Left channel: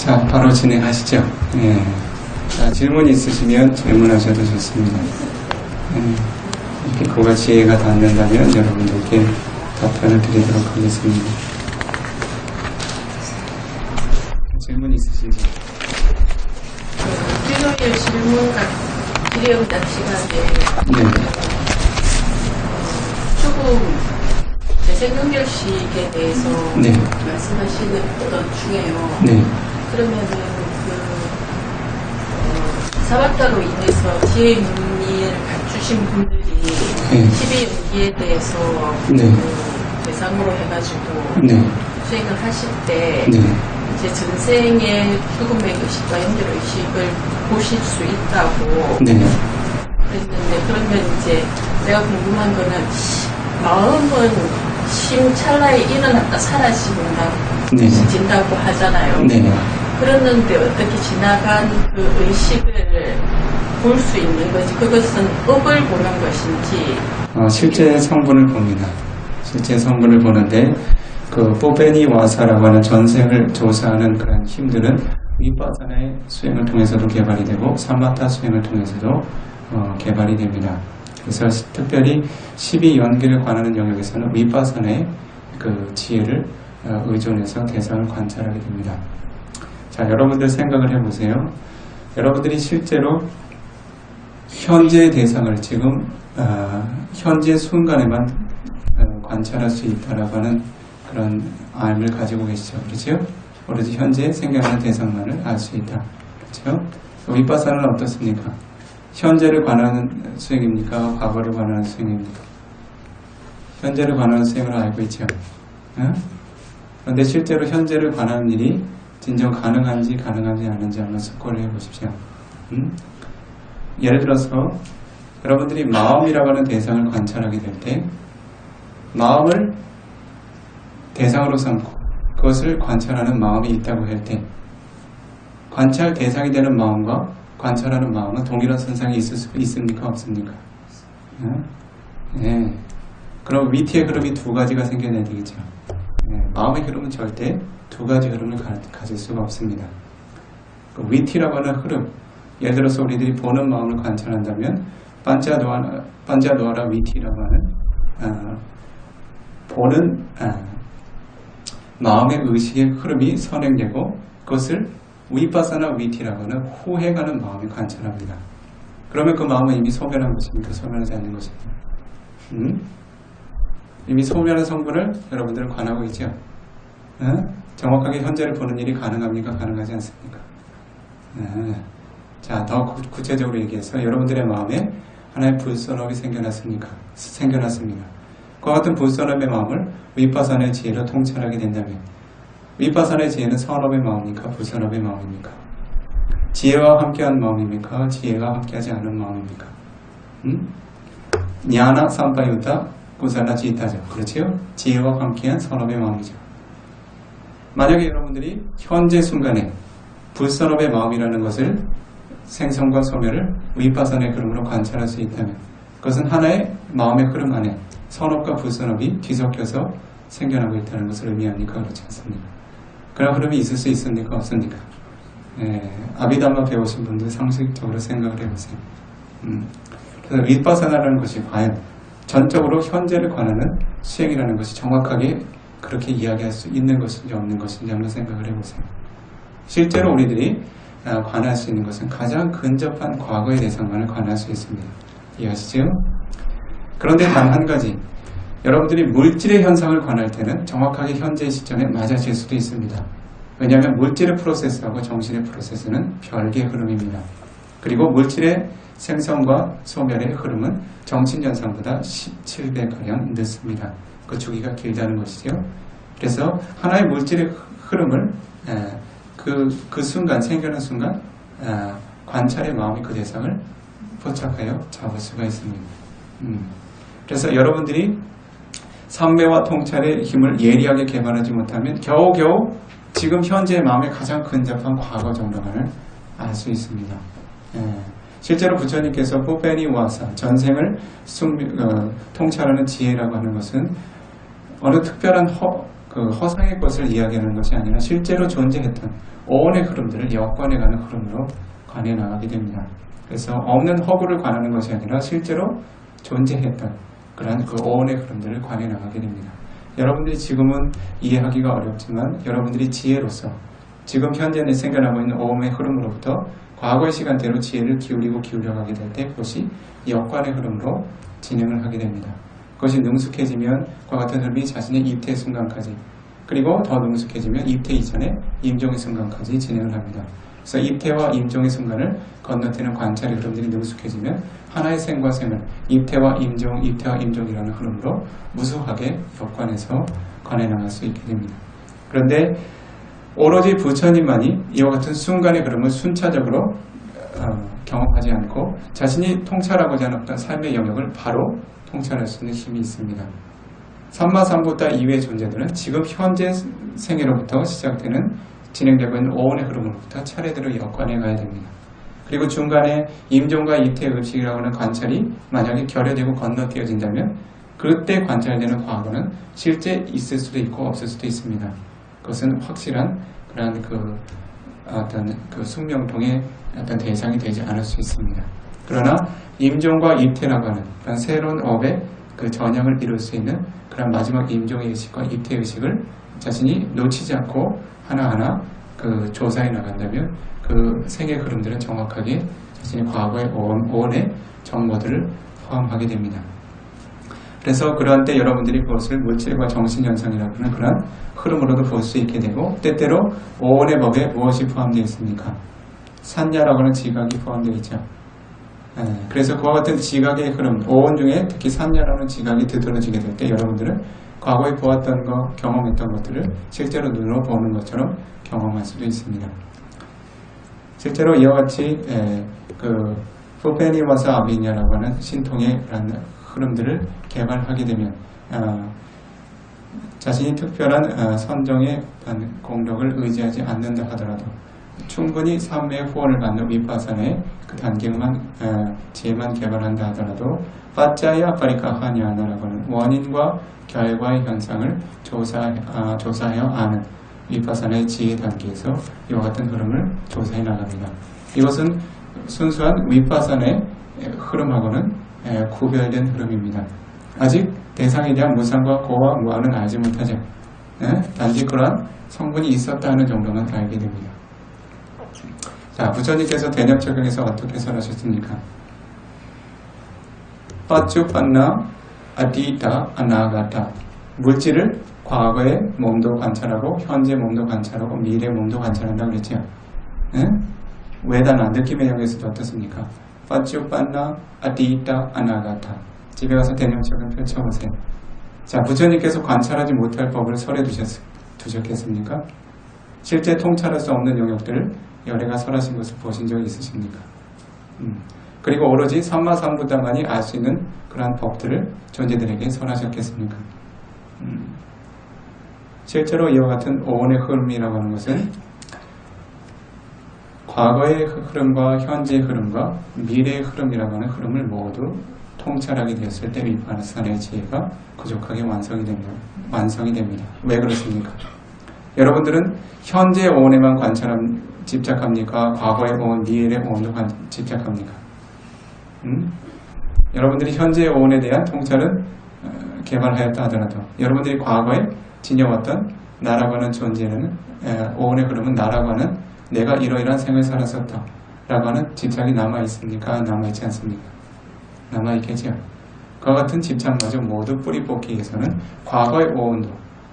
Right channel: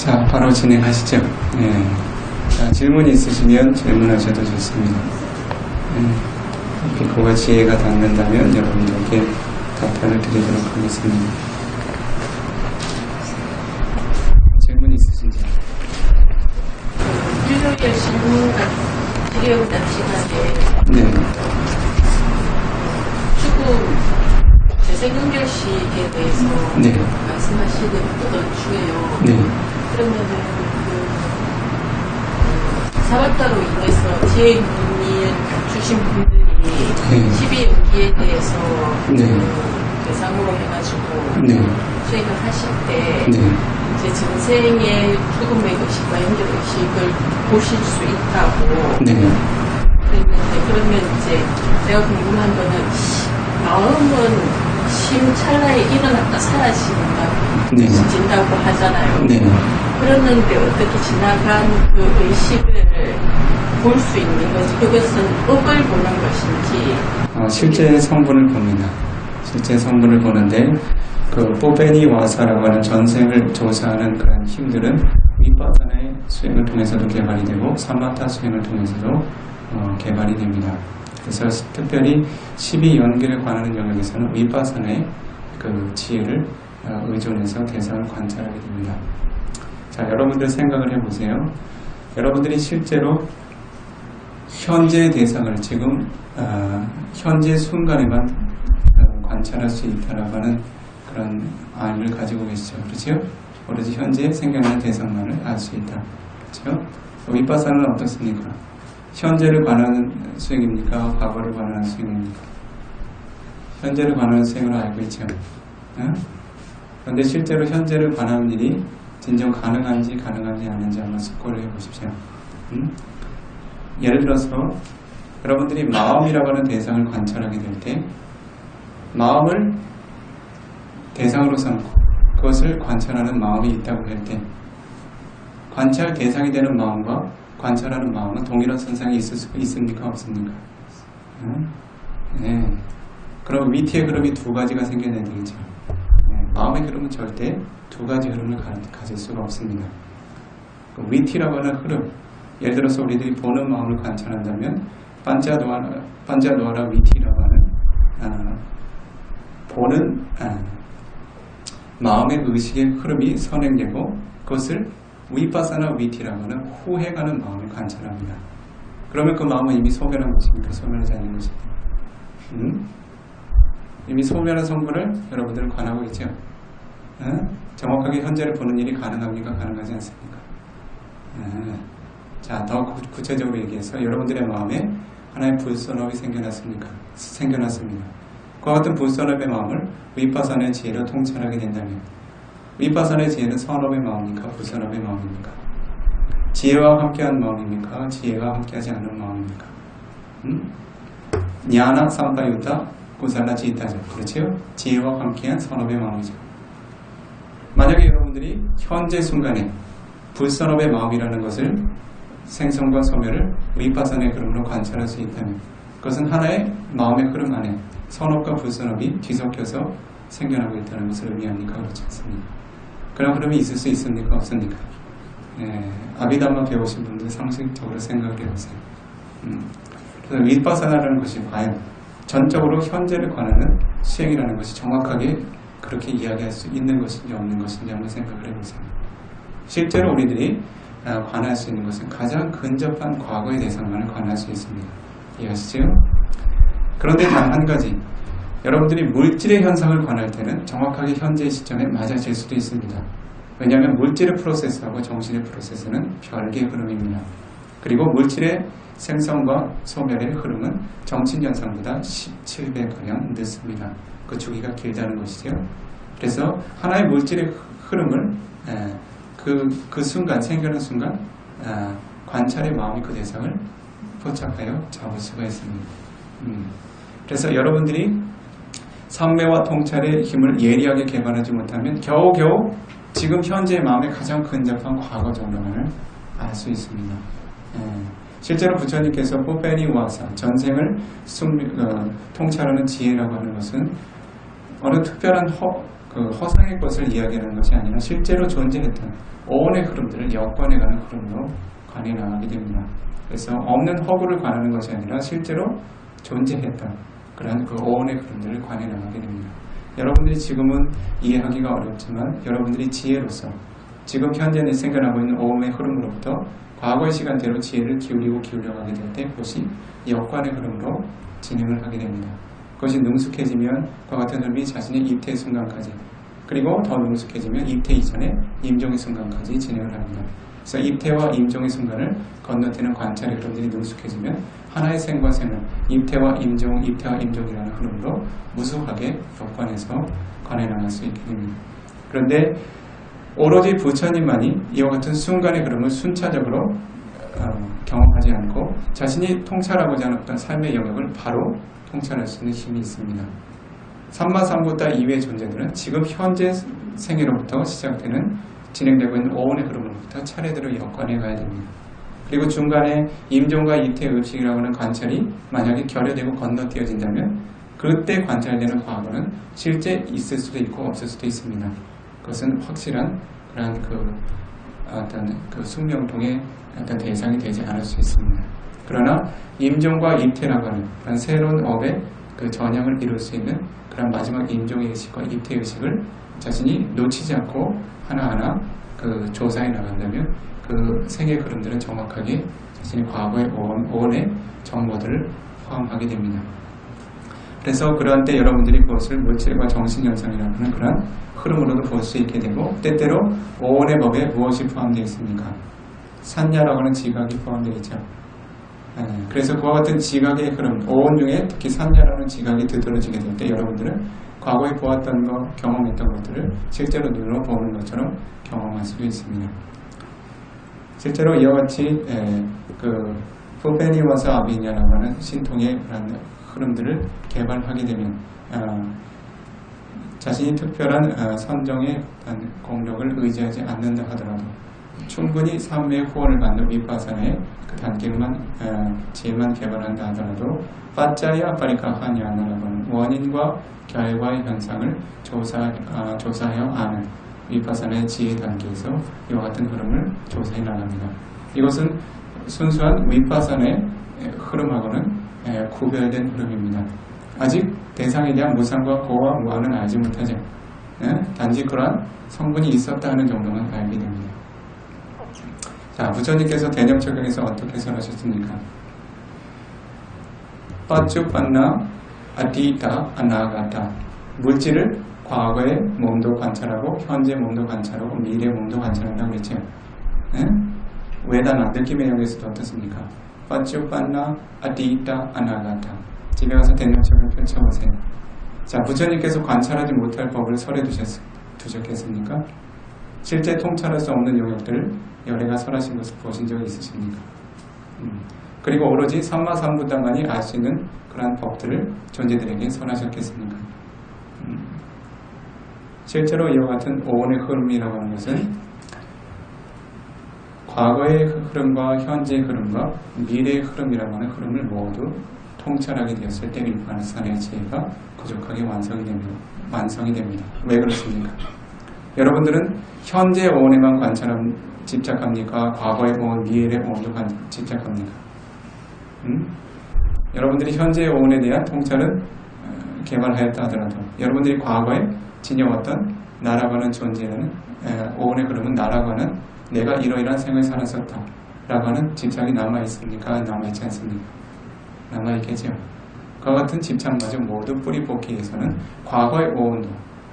자, 바로 진행하시죠. 예. 자, 질문 있으시면 질문하셔도 좋습니다. 비코가 지혜가 닿는다면 여러분들께 답변을 드리도록 하겠습니다. 질문 있으신지? 일요일 질문 질의응답 시간에 네. 조금 재생연결식에 대해서 네. 말씀하시는 것 중에요. 네. 그러면은 사바타로 인해서 지혜의 눈을 갖추신 분들이 네. 12연기에 대해서 네. 대상으로 해가지고 네. 수행을 하실 때 네. 이제 전생의 죽음의 의식과 연결의식을 보실 수 있다고 네. 그랬는데, 그러면 이제 내가 궁금한 거는 마음은 찰나에 일어났다 네. 사라진다고 하잖아요. 네. 그랬는데 어떻게 지나간 그 의식을 볼 수 있는 건지, 그것은 업을 보는 것인지. 실제 성분을 봅니다. 실제 성분을 보는데 그 뽀베니 와사라고 하는 전생을 조사하는 그런 힘들은 위파사나의 수행을 통해서도 개발이 되고 사마타 수행을 통해서도 개발이 됩니다. 그래서 특별히 12연기를 관하는 영역에서는 위파사나의 그 지혜를 의존해서 대상을 관찰하게 됩니다. 자, 여러분들 생각을 해보세요. 여러분들이 실제로 현재 대상을 지금 현재 순간에만 관찰할 수 있다라고 하는 그런 암을 가지고 계시죠. 그렇죠? 오로지 현재 생겨나는 대상만을 알 수 있다. 그렇죠? 위파사나는 어떻습니까? 현재를 관하는 수행입니까? 과거를 관하는 수행입니까? 현재를 관하는 수행으로 알고 있죠. 그런데 실제로 현재를 관하는 일이 진정 가능한지 아닌지 한번 숙고를 해보십시오. 예를 들어서 여러분들이 마음이라고 하는 대상을 관찰하게 될 때 마음을 대상으로 삼고 그것을 관찰하는 마음이 있다고 할 때 관찰 대상이 되는 마음과 관찰하는 마음은 동일한 선상에 있을 수 있습니까? 없습니까? 네. 그럼 위티의 흐름이 두 가지가 생겨나야 되겠죠. 네. 마음의 흐름은 절대 두 가지 흐름을 가질 수가 없습니다. 그 위티라고 하는 흐름, 예를 들어서 우리들이 보는 마음을 관찰한다면 반자노아라 위티라고 하는 보는 마음의 의식의 흐름이 선행되고 그것을 위파사나 위티라고 하는 후회가는 마음을 관찰합니다. 그러면 그 마음은 이미 소멸한 것입니까? 소멸하지 않는 것입니까? 이미 소멸한 성분을 여러분들은 관하고 있죠. 정확하게 현재를 보는 일이 가능합니까? 가능하지 않습니까? 자, 더 구체적으로 얘기해서 여러분들의 마음에 하나의 불선업이 생겨났습니다. 그와 같은 불선업의 마음을 위파사나의 지혜로 통찰하게 된다면 위파사나의 지혜는 선업의 마음입니까? 불선업의 마음입니까? 지혜와 함께한 마음입니까? 지혜와 함께하지 않은 마음입니까? 냐나 삼파유타 구살라 지타죠. 그렇죠? 지혜와 함께한 선업의 마음이죠. 만약에 여러분들이 현재 순간에 불선업의 마음이라는 것을 생성과 소멸을 위파사나의 흐름으로 관찰할 수 있다면 그것은 하나의 마음의 흐름 안에 선업과 불선업이 뒤섞여서 생겨나고 있다는 것을 의미합니까? 그렇지 않습니까? 그런 흐름이 있을 수 있습니까? 없습니까? 아비담마 배우신 분들 상식적으로 생각을 해보세요. 그래서 위파사나라는 것이 과연 전적으로 현재를 관하는 수행이라는 것이 정확하게 그렇게 이야기할 수 있는 것인지 없는 것인지 한번 생각을 해보세요. 실제로 우리들이 관할 수 있는 것은 가장 근접한 과거의 대상만을 관할 수 있습니다. 이해하시죠? 그런데 단 한 가지, 여러분들이 물질의 현상을 관할 때는 정확하게 현재의 시점에 맞아질 수도 있습니다. 왜냐하면 물질의 프로세스하고 정신의 프로세스는 별개의 흐름입니다. 그리고 물질의 생성과 소멸의 흐름은 정신 현상보다 17배가량 늦습니다. 그 주기가 길다는 것이죠. 그래서 하나의 물질의 흐름을 그 순간, 생겨난 순간 관찰의 마음이 그 대상을 포착하여 잡을 수가 있습니다. 그래서 여러분들이 삼매와 통찰의 힘을 예리하게 개발하지 못하면 겨우겨우 지금 현재의 마음에 가장 근접한 과거 정도만을 알 수 있습니다. 실제로 부처님께서 뽀페니 와사, 전생을 통찰하는 지혜라고 하는 것은 어느 특별한 그 허상의 것을 이야기하는 것이 아니라 실제로 존재했던 오온의 흐름들을 역관해가는 흐름으로 관해 나가게 됩니다. 그래서 없는 허구를 관하는 것이 아니라 실제로 존재했던 그러한 그 오온의 흐름들을 관해 나가게 됩니다. 여러분들이 지금은 이해하기가 어렵지만 여러분들이 지혜로서 지금 현재 생겨나고 있는 오온의 흐름으로부터 과거의 시간대로 지혜를 기울여가게 될 때 그것이 역관의 흐름으로 진행을 하게 됩니다. 그것이 능숙해지면 그와 같은 흐름이 자신의 입퇴 순간까지 그리고 더 능숙해지면 입퇴 이전에 임종의 순간까지 진행을 합니다. 그래서 입퇴와 임종의 순간을 건너뛰는 관찰의 흐름들이 능숙해지면 하나의 생과 생을 입퇴와 임종, 입퇴와 임종이라는 흐름으로 무수하게 역관해서 관해 나갈 수 있게 됩니다. 그런데 오로지 부처님만이 이와 같은 순간의 흐름을 순차적으로 경험하지 않고 자신이 통찰하고자 하는 어떤 삶의 영역을 바로 통찰할 수 있는 힘이 있습니다. 삼마삼부타 이외의 존재들은 지금 현재 생애로부터 시작되는 진행되고 있는 오온의 흐름으로부터 차례대로 역관해 가야 됩니다. 그리고 중간에 임종과 입퇴의 의식이라고 하는 관찰이 만약에 결여되고 건너뛰어진다면 그때 관찰되는 과거는 실제 있을 수도 있고 없을 수도 있습니다. 그것은 확실한 그러한 어떤 숙명통의 어떤 대상이 되지 않을 수 있습니다. 그러나 임종과 입퇴라고 하는 그런 새로운 업의 그 전향을 이룰 수 있는 그런 마지막 임종의 의식과 입퇴의 의식을 자신이 놓치지 않고 하나하나 그 조사해 나간다면 그 생의 흐름들은 정확하게 자신의 과거의 오온의 정보들을 포함하게 됩니다. 그래서 그런 때 여러분들이 그것을 물질과 정신현상이라고 하는 그런 흐름으로도 볼 수 있게 되고 때때로 오온의 법에 무엇이 포함되어 있습니까? 산야라고 하는 지각이 포함되어 있죠. 그래서 그와 같은 지각의 흐름, 오온 중에 특히 산야라는 지각이 두드러지게 될 때 여러분들은 과거에 보았던 것, 경험했던 것들을 실제로 눈으로 보는 것처럼 경험할 수도 있습니다. 실제로 이와 같이 그 푸페니와사 아비냐라고 하는 신통의 흐름들을 개발하게 되면 자신이 특별한 선정의 공력을 의지하지 않는다 하더라도 충분히 삶의 후원을 받는 윗바사나의 그 단계만 지혜만 개발한다 하더라도 파짜야 파리카하냐라고 하는 원인과 결과의 현상을 조사하여 아는 윗바사나의 지혜 단계에서 이와 같은 흐름을 조사해 나갑니다. 이것은 순수한 윗바사나의 흐름하고는 구별된 흐름입니다. 아직 대상에 대한 무상과 고와 무한은 알지 못하죠. 단지 그러한 성분이 있었다 하는 정도만 알게 됩니다. 자, 부처님께서 대념적용에서 어떻게 설하셨습니까? 빠쭈빤나 아디타 아나가타 물질을 과거의 몸도 관찰하고 현재 몸도 관찰하고 미래 몸도 관찰한다고 그랬죠. 외다나 느낌의 영역에서도 어떻습니까? 빠쭈빤나 아디타 아나가타 집에 가서 대념적용 펼쳐보세요. 자, 부처님께서 관찰하지 못할 법을 설해 두셨겠습니까? 실제 통찰할 수 없는 영역들을 열애가 설하신 것을 보신 적이 있으십니까? 그리고 오로지 삼마삼부다만이 알 수 있는 그러한 법들을 존재들에게 설하셨겠습니까? 실제로 이와 같은 오온의 흐름이라고 하는 것은 과거의 흐름과 현재의 흐름과 미래의 흐름이라고 하는 흐름을 모두 통찰하게 되었을 때 윗바사나의 지혜가 부족하게 완성이 됩니다. 왜 그렇습니까? 여러분들은 현재 오온에만 집착합니까? 과거의 오온, 미래의 오온도 집착합니까? 여러분들이 현재의 오온에 대한 통찰은 개발하였다 하더라도 여러분들이 과거에 지녀왔던 나라고 하는 존재는 오온의 흐름은 나라고 하는 내가 이러이러한 생을 살았었다 라고 하는 집착이 남아있습니까? 남아있지 않습니까? 남아있겠죠. 그와 같은 집착마저 모두 뿌리 뽑기 위해서는 과거의 오온도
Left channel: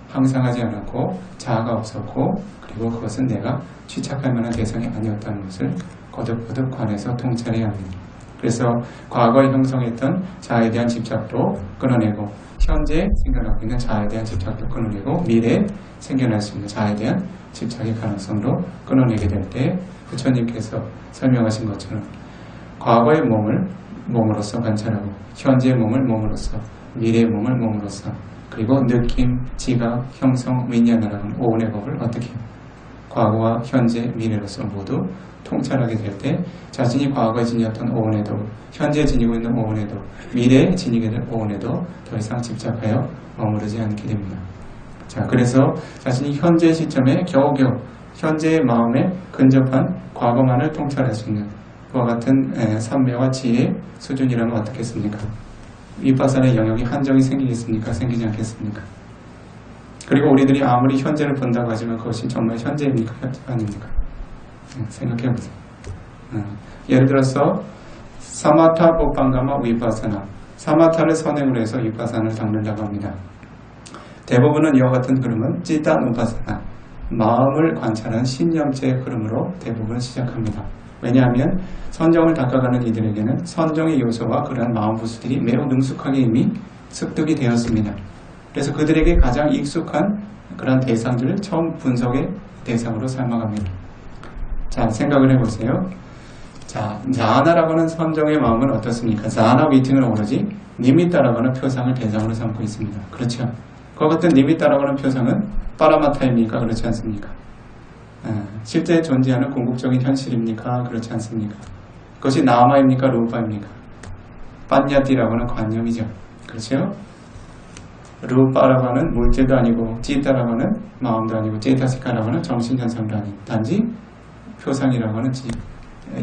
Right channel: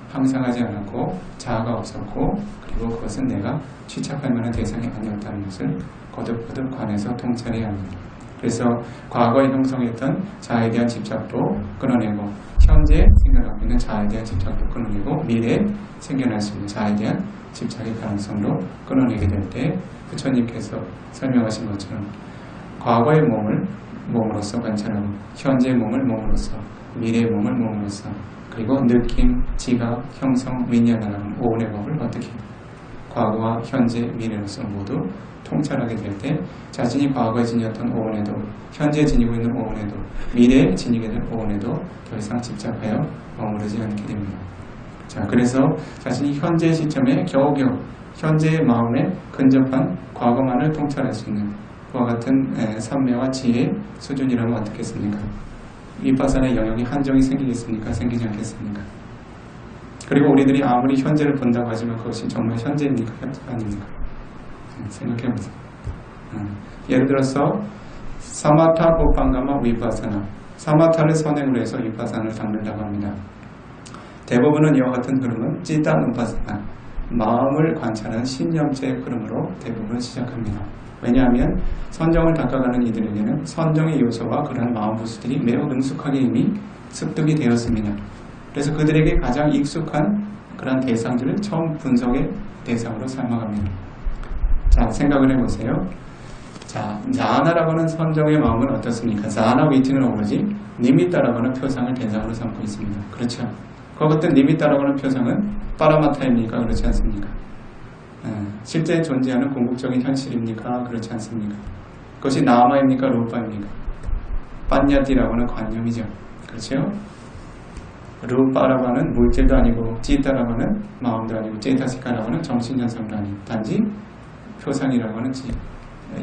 항상하지 않았고 자아가 없었고 그리고 그것은 내가 취착할 만한 대상이 아니었다는 것을 거듭거듭 관해서 통찰해야 합니다. 그래서 과거에 형성했던 자아에 대한 집착도 끊어내고 현재 생겨나고 있는 자아에 대한 집착도 끊어내고 미래에 생겨날 수 있는 자아에 대한 집착의 가능성도 끊어내게 될 때 부처님께서 설명하신 것처럼 과거의 몸을 몸으로서 관찰하고 현재의 몸을 몸으로서 미래의 몸을 몸으로서 그리고 느낌, 지각, 형성, 윈냐나라는 오온의 법을 어떻게 과거와 현재, 미래로서 모두 통찰하게 될 때 자신이 과거에 지녔던 오온에도 현재 지니고 있는 오온에도 미래에 지니게 될 오온에도 더 이상 집착하여 머무르지 않게 됩니다. 자, 그래서 자신이 현재 시점에 겨우겨우 현재의 마음에 근접한 과거만을 통찰할 수 있는 그와 같은 삼매와 지혜의 수준이라면 어떻겠습니까? 위파사나의 영역이 한정이 생기겠습니까? 생기지 않겠습니까? 그리고 우리들이 아무리 현재를 본다고 하지만 그것이 정말 현재입니까? 현재가 아닙니까? 생각해 보세요. 예를 들어서 사마타 보판가마 위파사나, 사마타를 선행으로 해서 위파사나를 닦는다고 합니다. 대부분은 이와 같은 흐름은 찌단 우파사나, 마음을 관찰한 신념체의 흐름으로 대부분 시작합니다. 왜냐하면 선정을 닦아가는 이들에게는 선정의 요소와 그러한 마음 부수들이 매우 능숙하게 이미 습득이 되었습니다. 그래서 그들에게 가장 익숙한 그런 대상들을 처음 분석의 대상으로 삼아갑니다. 자, 생각을 해보세요. 자, 자아나라고 하는 선정의 마음은 어떻습니까? 자아나 위팅은 오로지 니미따라고 하는 표상을 대상으로 삼고 있습니다. 그렇죠? 그와 같은 니미따라고 하는 표상은 빠라마타입니까? 그렇지 않습니까? 실제 존재하는 궁극적인 현실입니까? 그렇지 않습니까? 그것이 나마입니까? 루파입니까? 빠냐띠라고 하는 관념이죠. 그렇죠? 루파라고 하는 물질도 아니고 찌따라고 하는 마음도 아니고 제타시카라고 하는 정신현상도 아니고 단지 표상이라고 하는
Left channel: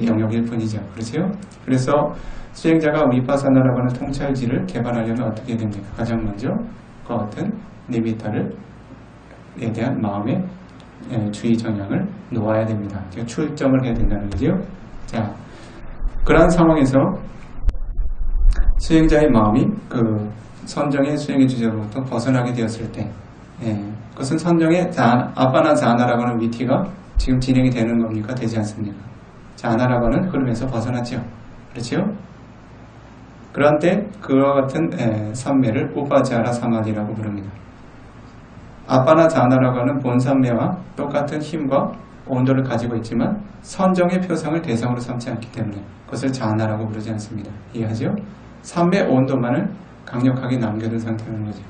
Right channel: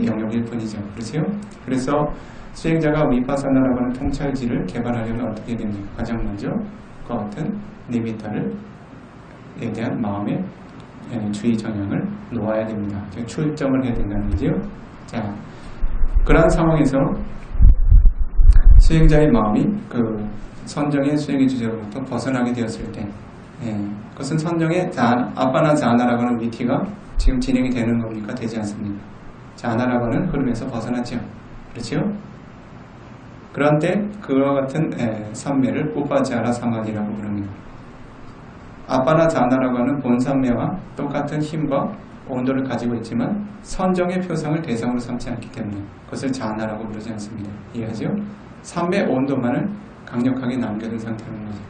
영역일 뿐이죠. 그렇죠? 그래서 수행자가 위파사나라고 하는 통찰지를 개발하려면 어떻게 됩니까? 가장 먼저 그와 같은 니미타에 대한 마음의 주의 정향을 놓아야 됩니다. 출점을 해야 된다는 거죠. 자, 그러한 상황에서 수행자의 마음이 그 선정의 수행의 주제로부터 벗어나게 되었을 때, 그것은 선정의 아빠나 자아나라고 하는 위티가 지금 진행이 되는 겁니까? 되지 않습니까? 자아나라고 하는 흐름에서 벗어났죠. 그렇죠? 그런 때 그와 같은 삼매를 우파자라 사마디라고 부릅니다. 아빠나 자아나라고 하는 본삼매와 똑같은 힘과 온도를 가지고 있지만 선정의 표상을 대상으로 삼지 않기 때문에 그것을 자아나라고 부르지 않습니다. 이해하죠? 삼매 온도만을 강력하게 남겨둔 상태라는 거죠.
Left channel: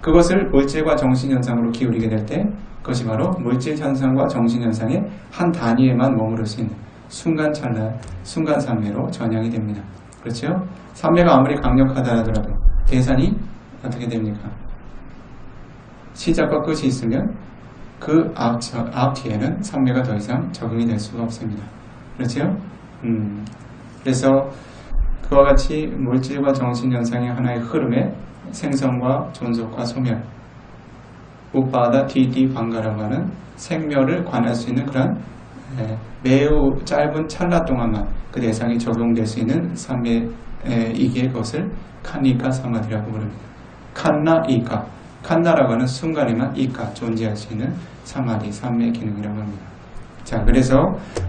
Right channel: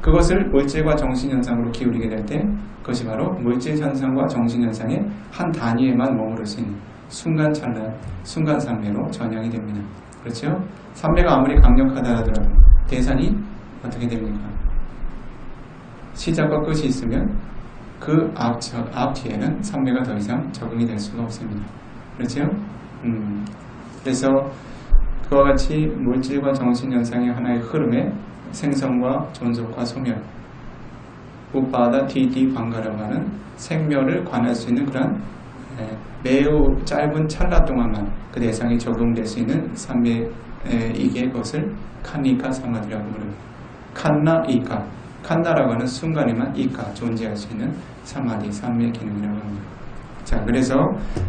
그것을 물질과 정신현상으로 기울이게 될 때 그것이 바로 물질현상과 정신현상의 한 단위에만 머무를 수 있는 순간찰나, 순간삼매로 전향이 됩니다. 그렇죠? 삼매가 아무리 강력하다 하더라도 대산이 어떻게 됩니까? 시작과 끝이 있으면 그 앞 뒤에는 삼매가 더 이상 적응이 될 수가 없습니다. 그렇죠? 그래서 그와 같이 물질과 정신현상의 하나의 흐름에 생성과 존속과 소멸, 우빠다 디디 방가라고 하는 생멸을 관할 수 있는 그런 매우 짧은 찰나 동안만 그 대상이 적용될 수 있는 삼매이기에 그것을 칸니카 사마디라고 부릅니다. 칸나 이카, 칸나라고 하는 순간에만 이카 존재할 수 있는 사마디, 삼매 기능이라고 합니다. 자, 그래서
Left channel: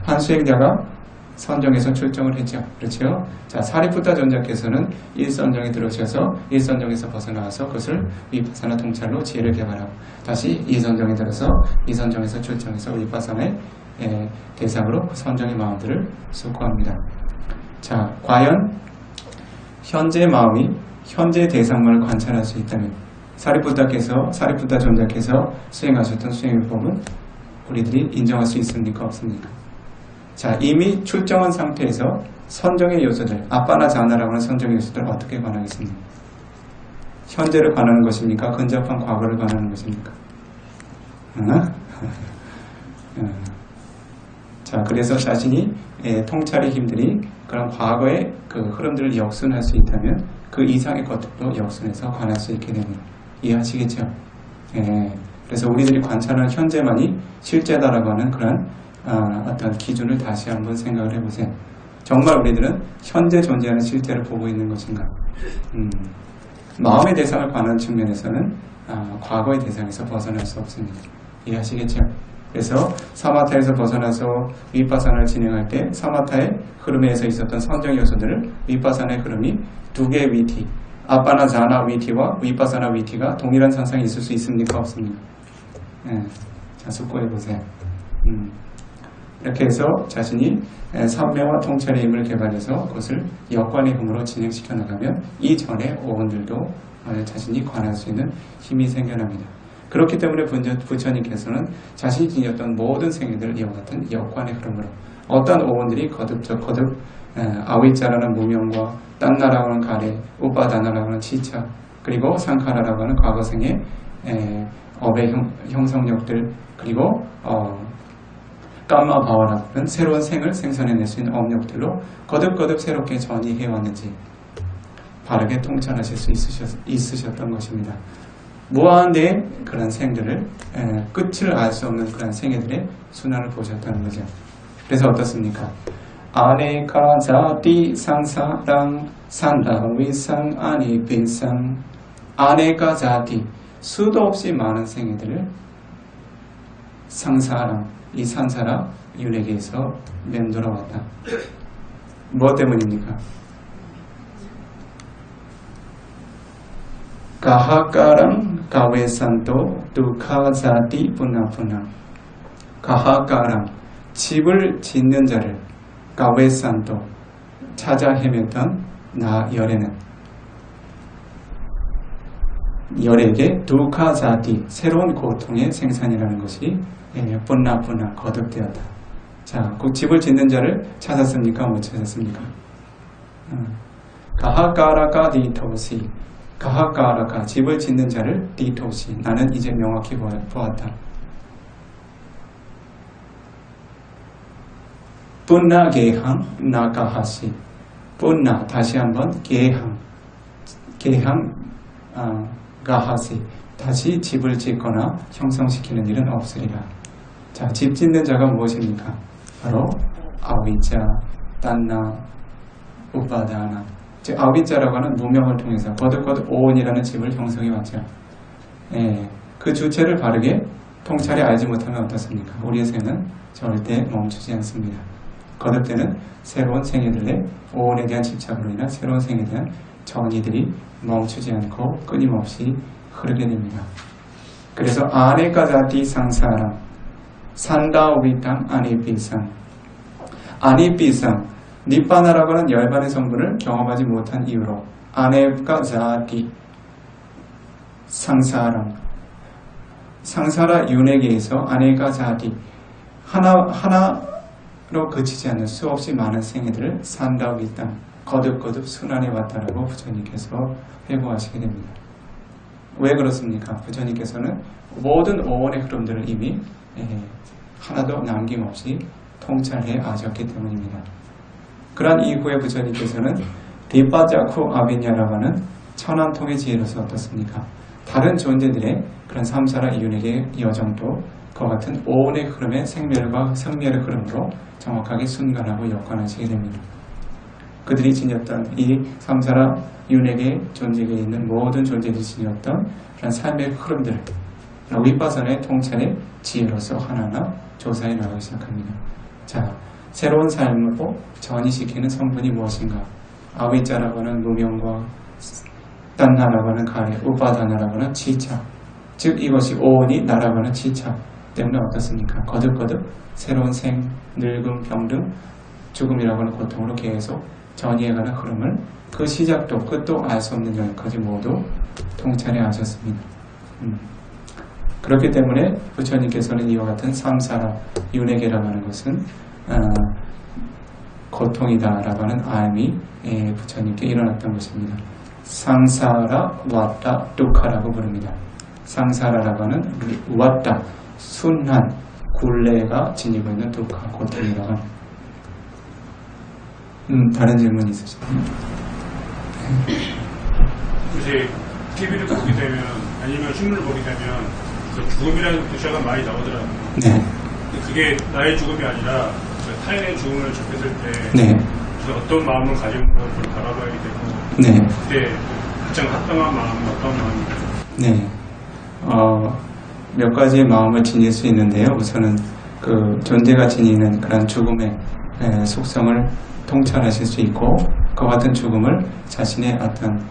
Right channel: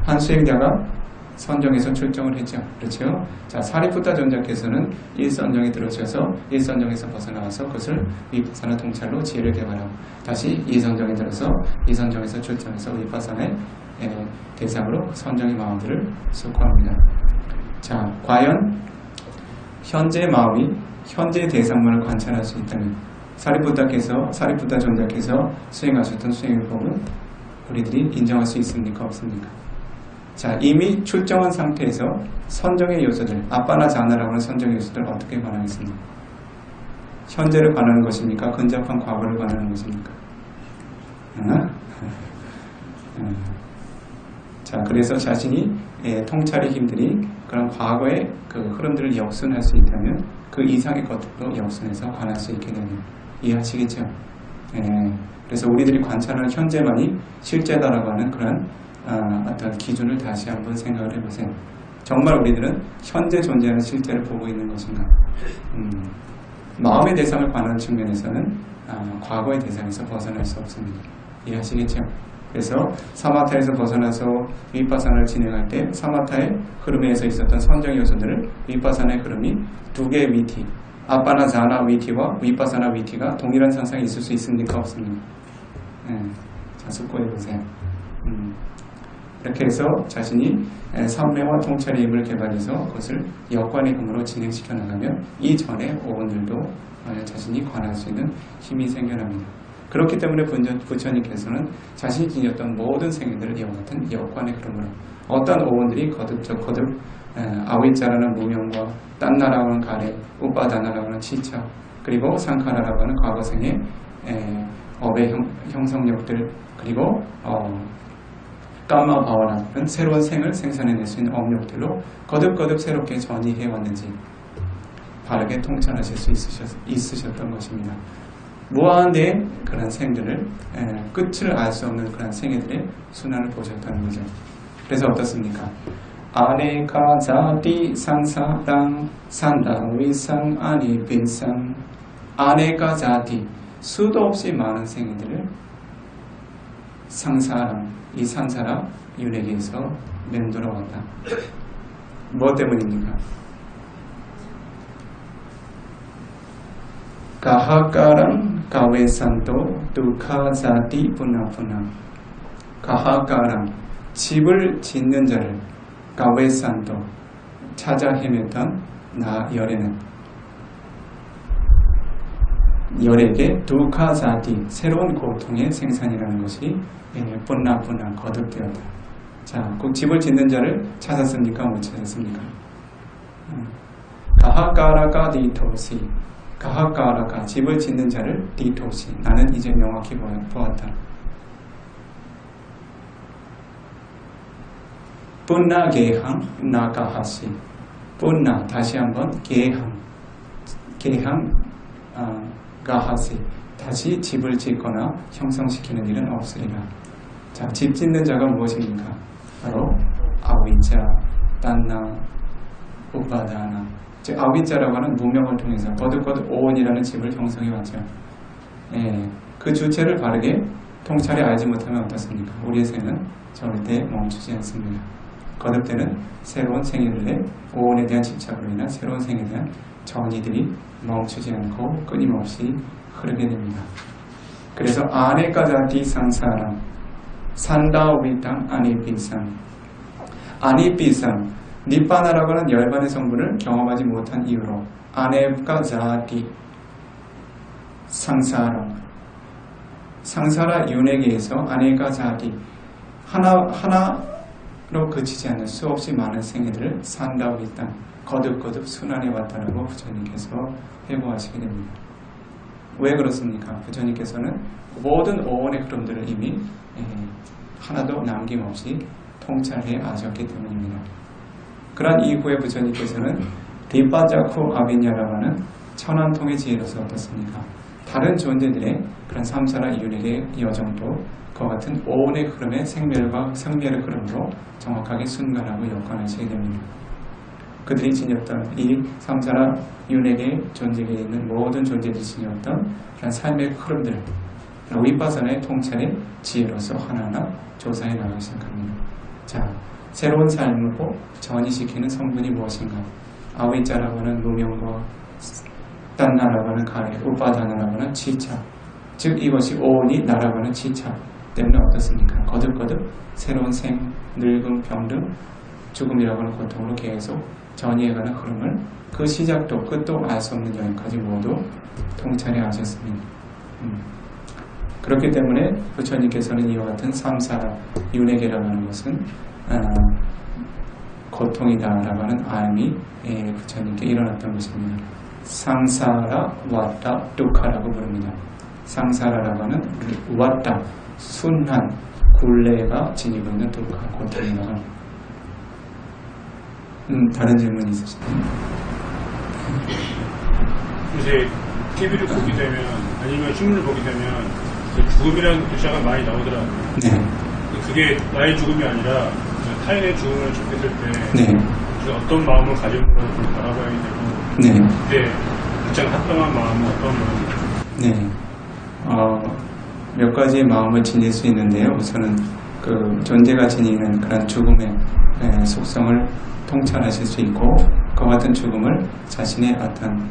한 수행자가 선정에서 출정을 했죠. 그렇죠? 자, 사리푸타 존자께서는 일선정에 들어오셔서 일선정에서 벗어나와서 그것을 위파사나 통찰로 지혜를 개발하고 다시 이선정에 들어서 이선정에서 출정해서 위파사나의 대상으로 선정의 마음들을 숙고합니다. 자, 과연 현재의 마음이 현재의 대상만을 관찰할 수 있다면 사리푸타 존자께서 수행하셨던 수행요법은 우리들이 인정할 수 있습니까? 없습니까? 자, 이미 출정한 상태에서 선정의 요소들, 아빠나 자아나라고 하는 선정의 요소들을 어떻게 관하겠습니까? 현재를 관하는 것입니까? 근접한 과거를 관하는 것입니까? 자, 그래서 자신이 통찰의 힘들이 그런 과거의 그 흐름들을 역순할 수 있다면 그 이상의 것들도 역순해서 관할 수 있게 됩니다. 이해하시겠죠? 그래서 우리들이 관찰하는 현재만이 실제다라고 하는 그런 어떤 기준을 다시 한번 생각을 해보세요. 정말 우리들은 현재 존재하는 실제를 보고 있는 것인가? 마음의 대상을 관한 측면에서는 과거의 대상에서 벗어날 수 없습니다. 이해하시겠죠? 그래서 사마타에서 벗어나서 위파사나를 진행할 때 사마타의 흐름에서 있었던 선정 요소들을 위파사나의 흐름이 두 개의 위티, 아빠나 자나 위티와 위파사나 위티가 동일한 상상이 있을 수 있습니까? 없습니까? 자, 숙고해보세요. 이렇게 해서 자신이 삼매와 통찰의 힘을 개발해서 그것을 역관의 힘으로 진행시켜 나가면 이전의 오원들도 자신이 관할 수 있는 힘이 생겨납니다. 그렇기 때문에 부처님께서는 자신이 지녔던 모든 생애들을 이와 같은 역관의 흐름으로 어떤 오원들이 거듭 아위자라는 무명과 딴나라고 하는 가래, 우빠다나라고 하는 치차, 그리고 상카라라고 하는 과거생의 업의 형성력들 그리고 감마 바와라는 새로운 생을 생산해낼 수 있는 업력들로 거듭거듭 새롭게 전이해왔는지 바르게 통찰하실 수 있으셨던 것입니다. 무한대의 그런 생들을 끝을 알 수 없는 그런 생애들의 순환을 보셨다는 거죠. 그래서 어떻습니까? 아네카 자티 상사랑 산다위상 아니빈상 아네카 자티 수도 없이 많은 생애들을 상사랑 이 산사라 윤회계에서 맴돌아왔다. 뭐 때문입니까? 가하가랑 가웨산도 두카자티 분나분나 가하가랑 집을 짓는 자를 가웨산도 찾아 헤맸던 나 열에는 열에게 두카자티 새로운 고통의 생산이라는 것이 분나분나 거듭되었다. 자, 그 집을 짓는 자를 찾았습니까? 못 찾았습니까? 가하가라가 디토시 가하가라가 집을 짓는 자를 디토시 나는 이제 명확히 보았다. 분나 게항 나가하시 분나 다시 한번 게항 가하시 다시 집을 짓거나 형성시키는 일은 없으리라. 자, 집 짓는 자가 무엇입니까? 바로 아위자, 딴나, 우바다나. 즉 아위자라고 하는 무명을 통해서 거듭거듭 오온이라는 집을 형성해 왔죠. 그 주체를 바르게 통찰에 알지 못하면 어떻습니까? 우리의 생은 절대 멈추지 않습니다. 거듭되는 새로운 생애들의 오온에 대한 집착으로 인한 새로운 생에 대한 전이들이 멈추지 않고 끊임없이 흐르게 됩니다. 그래서 아네까자티 상사랑 산다오비탕 아니비상 아니비상 니빠나라고 하는 열반의 성분을 경험하지 못한 이유로 아네까자티 상사랑 상사라 윤회계에서 아네까자티 하나로 그치지 않는 수없이 많은 생애들을 산다오비탕 거듭거듭 순환해 왔다라고 부처님께서 회고하시게 됩니다. 왜 그렇습니까? 부처님께서는 모든 오온의 흐름들을 이미 하나도 남김없이 통찰해 아셨기 때문입니다. 그러한 이후에 부처님께서는 디빠자쿠 아비냐라고 하는 천안통의 지혜로서 어떻습니까? 다른 존재들의 그런 삼사라 이윤에게 여정도 그와 같은 오온의 흐름의 생멸과 성멸의 흐름으로 정확하게 순간하고 역관하시게 됩니다. 그들이 지녔던 이 삼사라 윤회계 존재계에 있는 모든 존재들이 지녔던 그런 삶의 흐름들 위파사나의 통찰의 지혜로서 하나하나 조사해 나가기 시작합니다. 자, 새로운 삶으로 전이시키는 성분이 무엇인가? 아위자라고 하는 무명과 딴나라고 하는 가해, 우파다나라고 하는 지착, 즉 이것이 오온이 나라고 하는 지착 때문에 어떻습니까? 거듭거듭 새로운 생, 늙음, 병등, 죽음이라고 하는 고통으로 계속 전이해가는 흐름을 그 시작도 끝도 알 수 없는 여행까지 모두 통찰해 하셨습니다. 그렇기 때문에 부처님께서는 이와 같은 삼사라 윤회계라고 하는 것은 고통이다라고 하는 알미 부처님께 일어났던 것입니다. 상사라 왓다 두카라고 부릅니다. 상사라라고 하는 왓다 순한 굴레가 지니고 있는 두카 고통이라고 합니다. 다른 질문 있으신가요? 이제 TV를 보게 되면 아니면 신문을 보게 되면 죽음이라는 글자가 많이 나오더라고요. 네. 그게 나의 죽음이 아니라 타인의 죽음을 접했을 때 네. 어떤 마음을 가지고 그걸 바라봐야 되고 네. 그때 가장 합당한 마음은 어떤 마음이죠? 네. 몇 가지의 마음을 지닐 수 있는데요. 우선은 그 존재가 지니는 그런 죽음의 속성을 통찰하실 수 있고 그와 같은 죽음을 자신의 어떤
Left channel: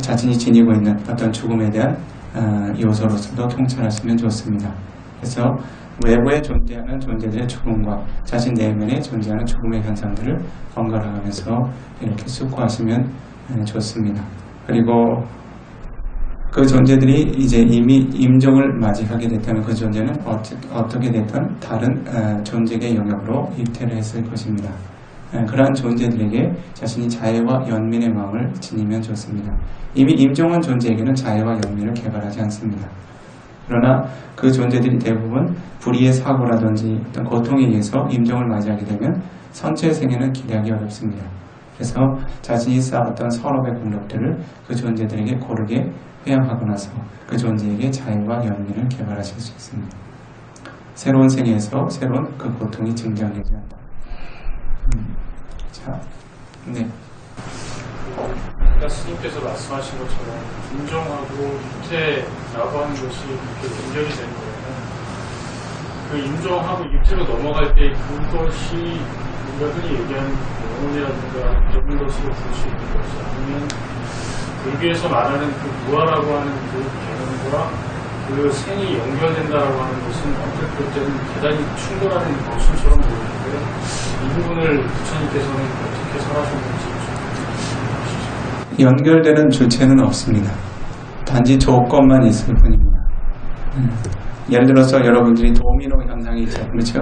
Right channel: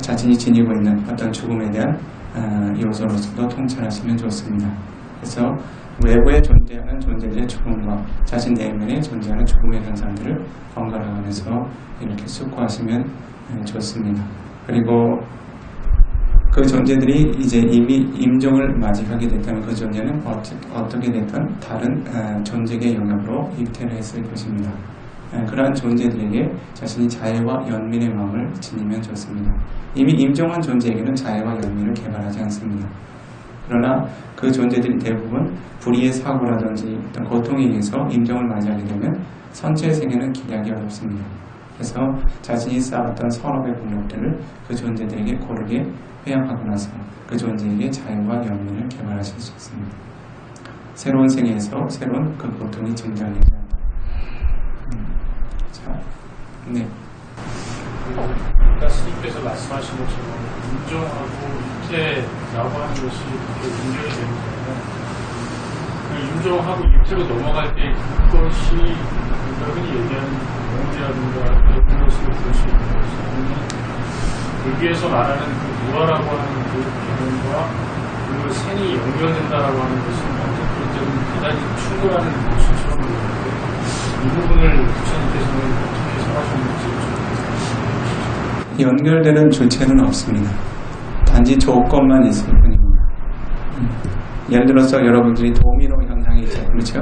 자신이 지니고 있는 어떤 죽음에 대한 요소로서도 통찰하시면 좋습니다. 그래서 외부에 존재하는 존재들의 죽음과 자신 내면에 존재하는 죽음의 현상들을 번갈아 가면서 이렇게 숙고하시면 좋습니다. 그리고 그 존재들이 이제 이미 임종을 맞이하게 됐다면 그 존재는 어떻게 됐든 다른 존재의 영역으로 입퇴를 했을 것입니다. 그러한 존재들에게 자신이 자애와 연민의 마음을 지니면 좋습니다. 이미 임종한 존재에게는 자애와 연민을 개발하지 않습니다. 그러나 그 존재들이 대부분 불의의 사고라든지 어떤 고통에 의해서 임종을 맞이하게 되면 선체의 생애는 기대하기 어렵습니다. 그래서 자신이 쌓았던 선업의 공력들을 그 존재들에게 고르게 회양하고 나서 그 존재에게 자유와 연민을 개발하실 수 있습니다. 새로운 생애에서 새로운 그 고통이 증정되지 않는다. 자, 네. 아까 스님께서 말씀하신 것처럼 임종하고 유태라고 하는 것이 그렇게 분별이 되는 거예요. 그 임종하고 유태로 넘어갈 때 그것이 우리가 흔히 얘기하는 영혼이라든가 이런 것으로 볼 수 있는 것이 아니면 불교에서 말하는 그 무아라고 하는 그 개념과 그 생이 연결된다라고 하는 것은 어떻게 볼 때는 대단히 충돌하는 모순처럼 보이는데 이 부분을 부처님께서는 어떻게 설하셨는지 연결되는 주체는 없습니다. 단지 조건만 있을 뿐입니다. 예를 들어서 여러분들이 도미노 현상이 있죠. 그렇죠?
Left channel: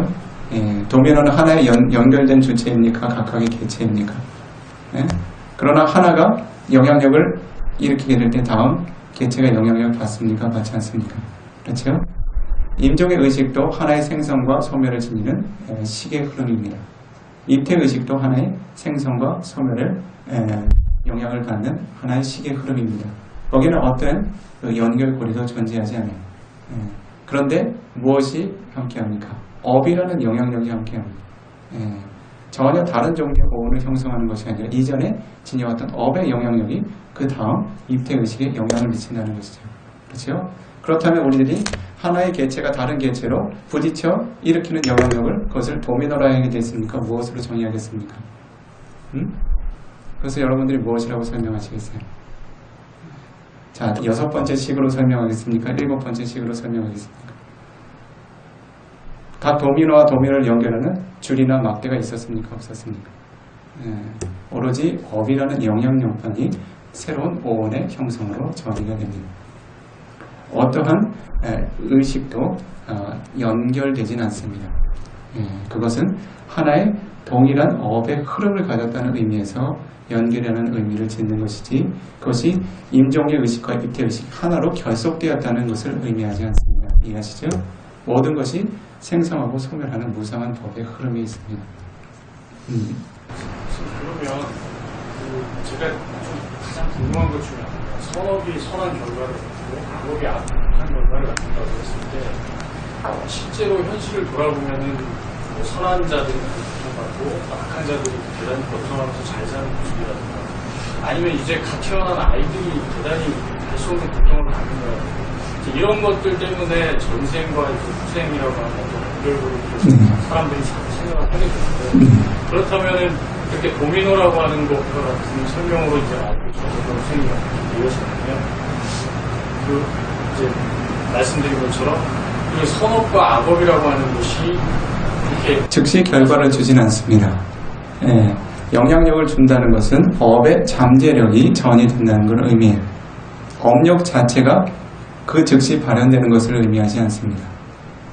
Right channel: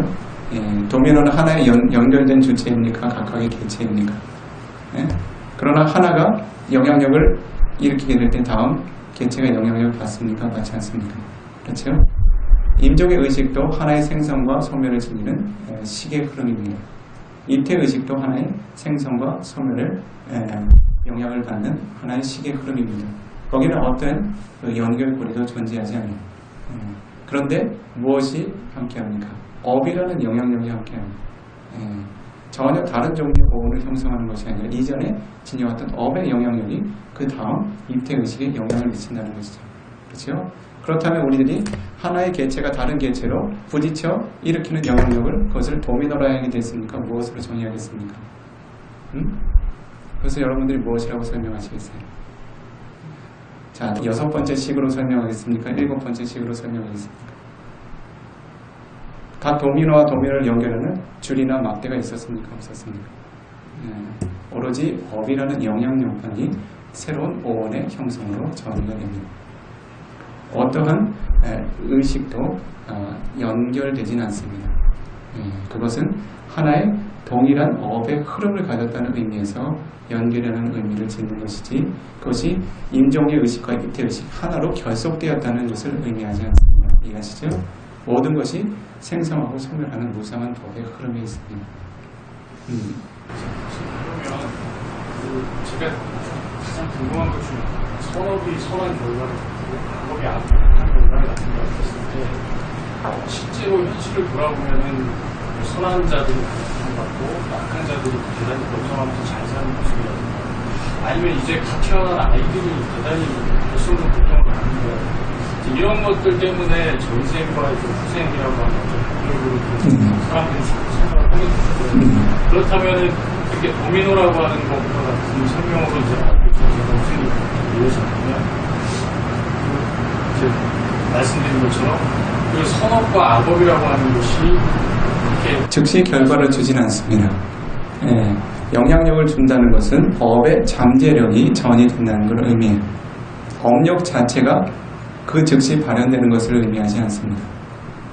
예, 도미노는 하나의 연결된 주체입니까? 각각의 개체입니까? 예? 그러나 하나가 영향력을 일으키게 될 때 다음 개체가 영향력을 받습니까? 받지 않습니까? 그렇죠? 임종의 의식도 하나의 생성과 소멸을 지니는 식의 흐름입니다. 입태 의식도 하나의 생성과 소멸을 영향을 받는 하나의 식의 흐름입니다. 거기는 어떤 연결고리도 존재하지 않아요. 그런데 무엇이 함께합니까? 업이라는 영향력이 함께합니다. 전혀 다른 종류의 오온을 형성하는 것이 아니라 이전에 지녀왔던 업의 영향력이 그 다음 입태의식에 영향을 미친다는 것이죠. 그렇죠? 그렇다면 우리들이 하나의 개체가 다른 개체로 부딪혀 일으키는 영향력을 그것을 도미노라 하게 됐습니까? 무엇으로 정의하겠습니까? 그래서 여러분들이 무엇이라고 설명하시겠어요? 자, 6번째 식으로 설명하겠습니까? 7번째 식으로 설명하겠습니까? 각 도미노와 도미노를 연결하는 줄이나 막대가 있었습니까? 없었습니까? 오로지 업이라는 영향력만이 새로운 오온의 형성으로 정의가 됩니다. 어떠한 의식도 연결되진 않습니다. 그것은 하나의 동일한 업의 흐름을 가졌다는 의미에서 연결이라는 의미를 짓는 것이지 그것이 임종의 의식과 입태의식 하나로 결속되었다는 것을 의미하지 않습니다. 이해하시죠? 모든 것이 생성하고 소멸하는 무상한 법의 흐름이 있습니다. 그러면 제가 가장 궁금한 것 중에 선업이 선한 결과를 갖고 악업이 악한 결과를 갖는다고 했을 때 실제로 현실을 돌아보면은 선한 자들이 고통받고 악한 자들이 대단히 번성하면서 잘 사는 모습이라든가 아니면 이제 갓 태어난 아이들이 대단히 할 수 없는 고통을 받는 거예요. 이런 것들 때문에 전생과의 후생이라고 하는 연결고로 사람들이 자꾸 생각을 하게 되는데 그렇다면은 이렇게 도미노라고 하는 것과 같은 설명으로 이제 전생과 후생이 이어진다면 그 이제 말씀드린 것처럼 그 선업과 악업이라고 하는 것이 이렇게 즉시 결과를 주진 않습니다. 영향력을 준다는 것은 업의 잠재력이 전이된다는 걸 의미해요. 업력 자체가 그 즉시 발현되는 것을 의미하지 않습니다.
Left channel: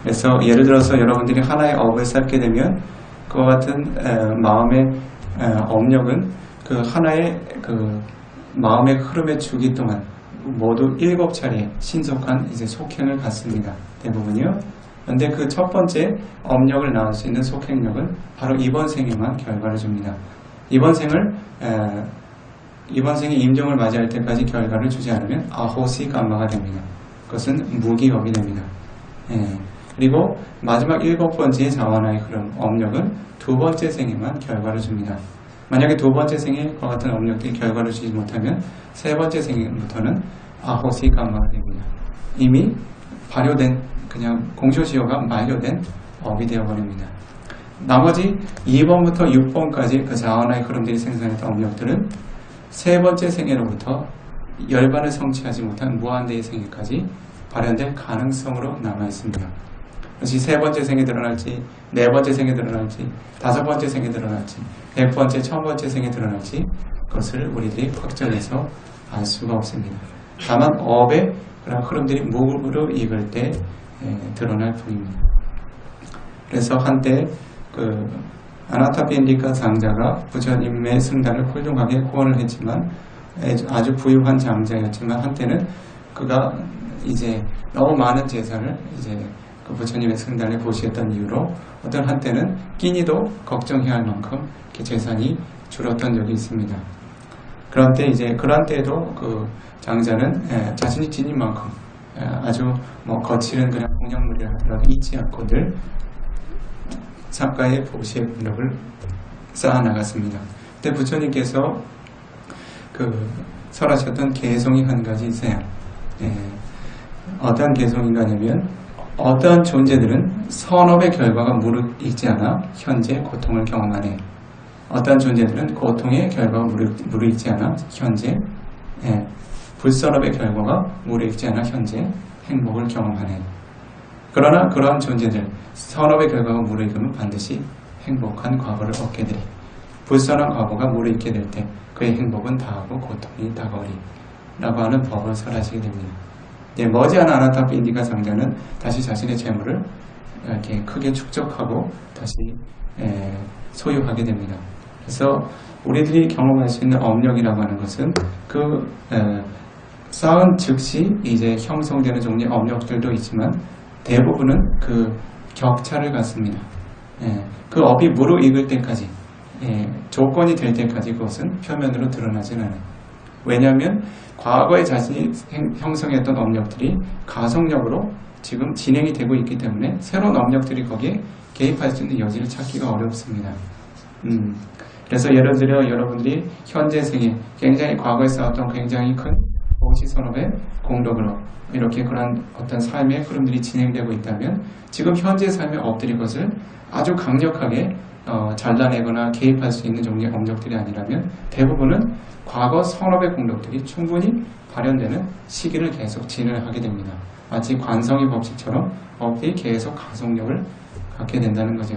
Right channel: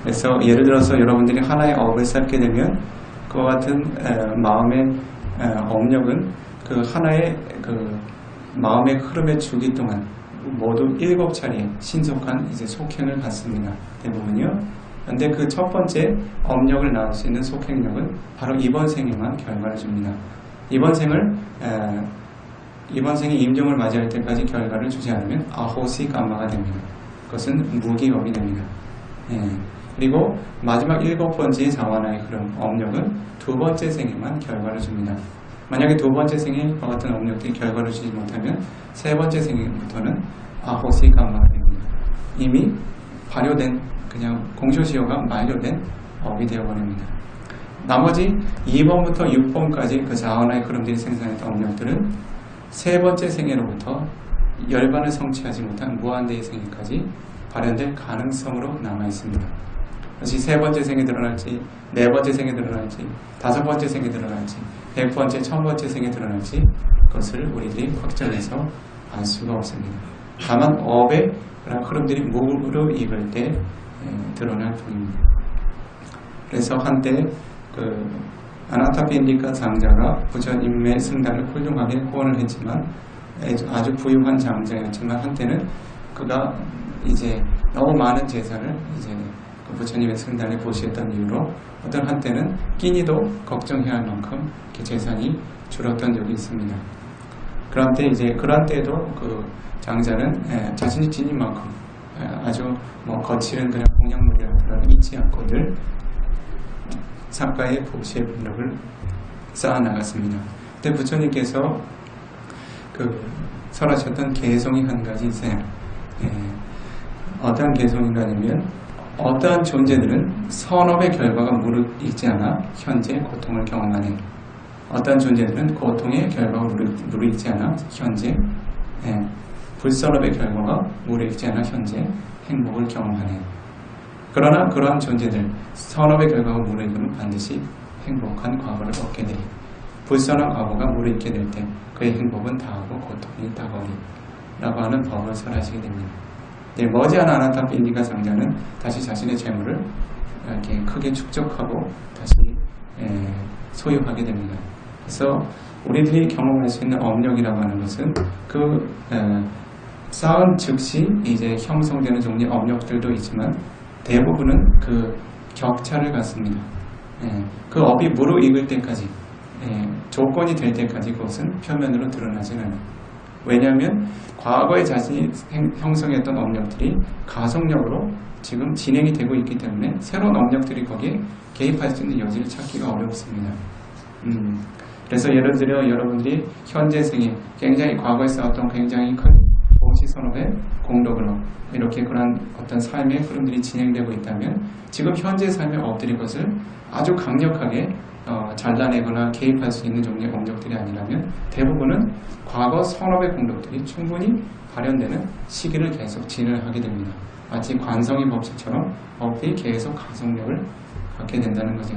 그래서 예를 들어서 여러분들이 하나의 업을 쌓게 되면 그와 같은 마음의 업력은 그 하나의 그 마음의 흐름의 주기 동안 모두 7차례 신속한 이제 속행을 갖습니다. 대부분이요. 그런데 그 첫 번째 업력을 낳을 수 있는 속행력은 바로 이번 생에만 결과를 줍니다. 이번 생에 임종을 맞이할 때까지 결과를 주지 않으면 아호시 감마가 됩니다. 그것은 무기업이 됩니다. 그리고 마지막 7번째 자완화의 흐름, 업력은 2번째 생에만 결과를 줍니다. 만약에 2번째 생에 그와 같은 업력들이 결과를 주지 못하면 3번째 생부터는 아호시 감마가 됩니다. 이미 발효된 그냥 공쇼시효가 만료된 업이 되어버립니다. 나머지 2번부터 6번까지 그 자완화의 흐름들이 생산했던 업력들은 3번째 생애로부터 열반을 성취하지 못한 무한대의 생애까지 발현될 가능성으로 남아있습니다. 그것이 3번째 생에 드러날지 4번째 생에 드러날지 5번째 생에 드러날지 100번째, 1000번째 생에 드러날지 그것을 우리들이 확정해서 알 수가 없습니다. 다만 업의 그런 흐름들이 무르익을 때 드러날 뿐입니다. 그래서 한때 그 아나타피인디카 장자가 부처님의 승단을 훌륭하게 후원을 했지만 아주 부유한 장자였지만 한때는 그가 이제 너무 많은 제사를 이제 그 부처님의 승단에 보시했던 이유로 어떤 한때는 끼니도 걱정해야 할 만큼 이렇게 재산이 줄었던 적이 있습니다. 그런데 이제 그런 때에도 그 장자는 자신이 지닌 만큼 아주 뭐 거칠은 그냥 공약물이라 하더라도 잊지 않고 늘 삼가의 보시의 분력을 쌓아 나갔습니다. 그때 부처님께서 그 설하셨던 개송이 한 가지 있어요. 어떠한 개송인가냐면 어떠한 존재들은 선업의 결과가 무르익지 않아 현재 고통을 경험하네. 어떠한 존재들은 고통의 결과가 무르익지 않아 현재 불선업의 결과가 무르익지 않아 현재 행복을 경험하네. 그러나 그러한 존재들 선업의 결과가 무르익으면 반드시 행복한 과거를 얻게 되리. 불선한 과거가 무르익게 될 때 그의 행복은 다하고 고통이 다가오리 라고 하는 법을 설하시게 됩니다. 머지않아 아나타피 인디가 장자는 다시 자신의 재물을 이렇게 크게 축적하고 다시 소유하게 됩니다. 그래서 우리들이 경험할 수 있는 업력이라고 하는 것은 그 쌓은 즉시 이제 형성되는 종류의 업력들도 있지만 대부분은 그 격차를 갖습니다. 그 업이 무르익을 때까지 조건이 될 때까지 그것은 표면으로 드러나진 않아요. 왜냐하면 과거에 자신이 형성했던 업력들이 가속력으로 지금 진행이 되고 있기 때문에 새로운 업력들이 거기에 개입할 수 있는 여지를 찾기가 어렵습니다. 그래서 예를 들어 여러분들이 현재 생에 굉장히 과거에 쌓았던 굉장히 큰 보시선업의 공덕으로 이렇게 그런 어떤 삶의 흐름들이 진행되고 있다면 지금 현재 삶의 업들이 것을 아주 강력하게 잘라내거나 개입할 수 있는 종류의 업력들이 아니라면 대부분은 과거 선업의 공덕들이 충분히 발현되는 시기를 계속 진행하게 됩니다. 마치 관성의 법칙처럼 업들이 계속 가속력을 갖게 된다는 거죠.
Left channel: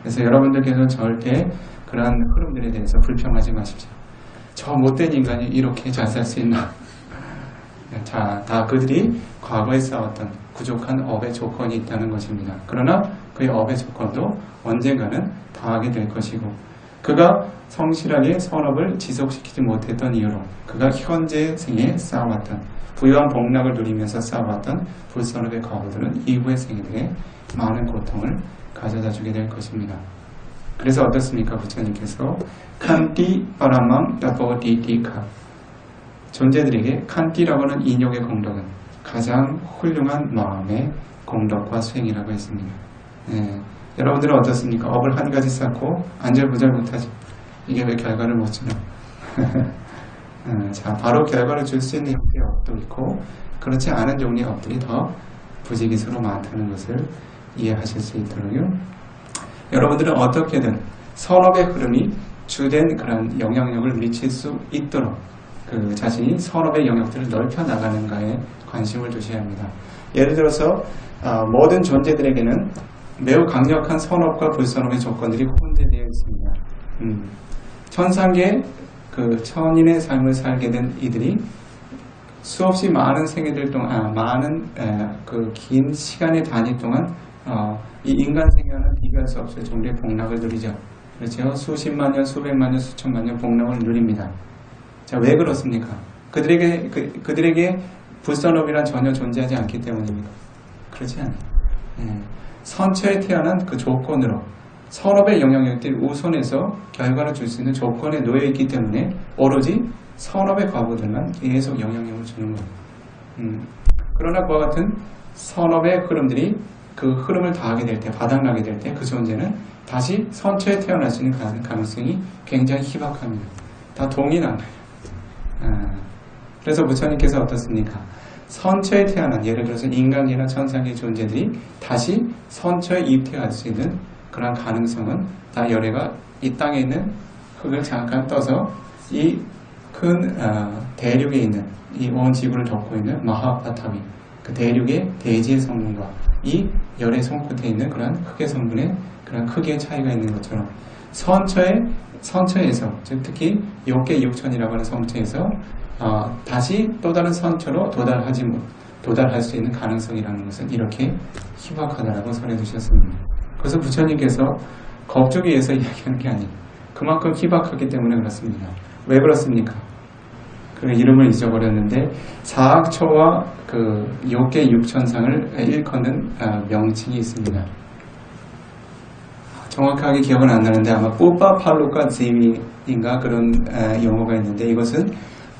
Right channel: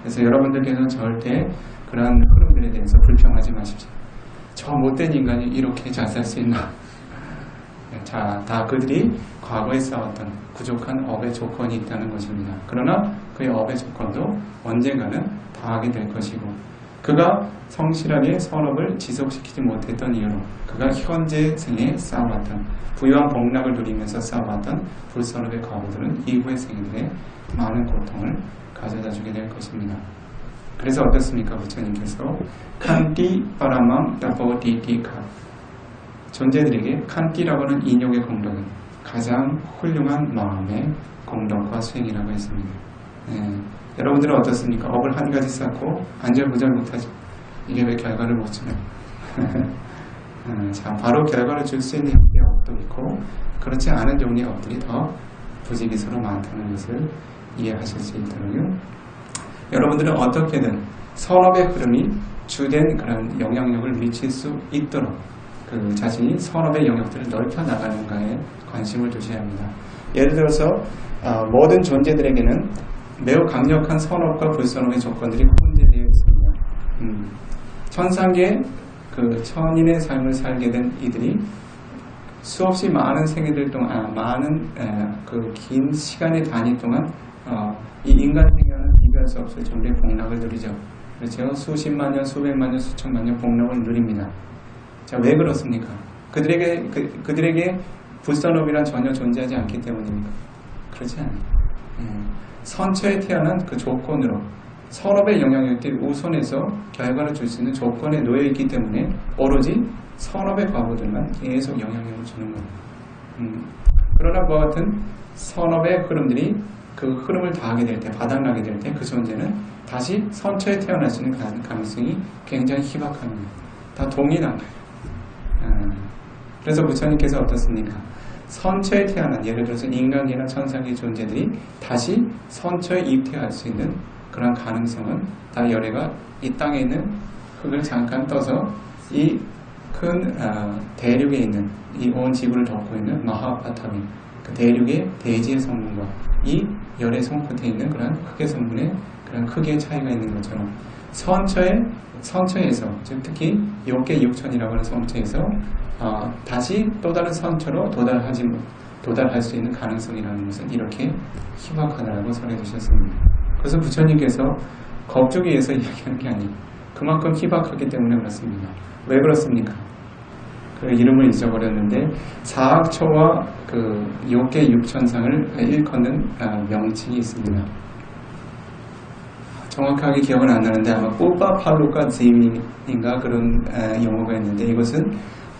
그래서 여러분들께서 절대 그러한 흐름들에 대해서 불평하지 마십시오. 저 못된 인간이 이렇게 잘 살 수 있나? 자, 다 그들이 과거에 쌓았던 부족한 업의 조건이 있다는 것입니다. 그러나 그의 업의 조건도 언젠가는 다하게 될 것이고 그가 성실하게 선업을 지속시키지 못했던 이유로 그가 현재 생에 쌓아왔던 부유한 복락을 누리면서 쌓아왔던 불선업의 과거들은 이후의 생애들의 많은 고통을 가져다 주게 될 것입니다. 그래서 어떻습니까? 부처님께서 칸띠 파라망 따보디디카 존재들에게 칸띠라고 하는 인욕의 공덕은 가장 훌륭한 마음의 공덕과 수행이라고 했습니다. 여러분들은 어떻습니까? 업을 한 가지 쌓고 안절부절 못하죠. 이게 왜 결과를 못 주나? 자, 바로 결과를 줄 수 있는 형태의 업도 있고 그렇지 않은 종류의 업들이 더 부지기수로 많다는 것을 이해하실 수 있도록요. 여러분들은 어떻게든 선업의 흐름이 주된 그런 영향력을 미칠 수 있도록 그 자신이 선업의 영역들을 넓혀 나가는가에 관심을 두셔야 합니다. 예를 들어서 모든 존재들에게는 매우 강력한 선업과 불선업의 조건들이 혼재되어 있습니다. 천상계 그 천인의 삶을 살게 된 이들이 수없이 많은 생애들 동안 많은 그 긴 시간의 단위 동안 이 인간 생애와는 비교할 수 없을 정도의 복락을 누리죠. 그렇죠? 수십만 년, 수백만 년, 수천만 년 복락을 누립니다. 자, 왜 그렇습니까? 그들에게 불선업이란 전혀 존재하지 않기 때문입니까? 그렇지 않아요. 선처에 태어난 그 조건으로 선업의 영향력들이 우선해서 결과를 줄 수 있는 조건에 놓여 있기 때문에 오로지 선업의 과거들만 계속 영향력을 주는 거예요. 그러나 그와 같은 선업의 흐름들이 그 흐름을 다하게 될 때, 바닥나게 될 때 그 존재는 다시 선처에 태어날 수 있는 가능성이 굉장히 희박합니다. 다 동일한 거예요. 그래서 부처님께서 어떻습니까? 선처에 태어난 예를 들어서 인간계나 천상계 존재들이 다시 선처에 입퇴할 수 있는 그런 가능성은 다 열애가 이 땅에 있는 흙을 잠깐 떠서 이 큰 대륙에 있는 이 온 지구를 덮고 있는 마하바타미 그 대륙의 대지의 성분과 이 열의 손끝에 있는 그런 흙의 성분의 그런 크기의 차이가 있는 것처럼 선처에서 즉 특히 욕계 육천이라고 하는 성처에서 다시 또 다른 선처로 도달할 수 있는 가능성이라는 것은 이렇게 희박하다라고 설해 주셨습니다. 그래서 부처님께서 겁주기 위해서 이야기하는 게 아니에요. 그만큼 희박하기 때문에 그렇습니다. 왜 그렇습니까? 그 이름을 잊어버렸는데 사학초와 그 요괴 육천상을 일컫는 명칭이 있습니다. 정확하게 기억은 안 나는데 아마 뿌빠팔로카 지위인가 그런 용어가 있는데 이것은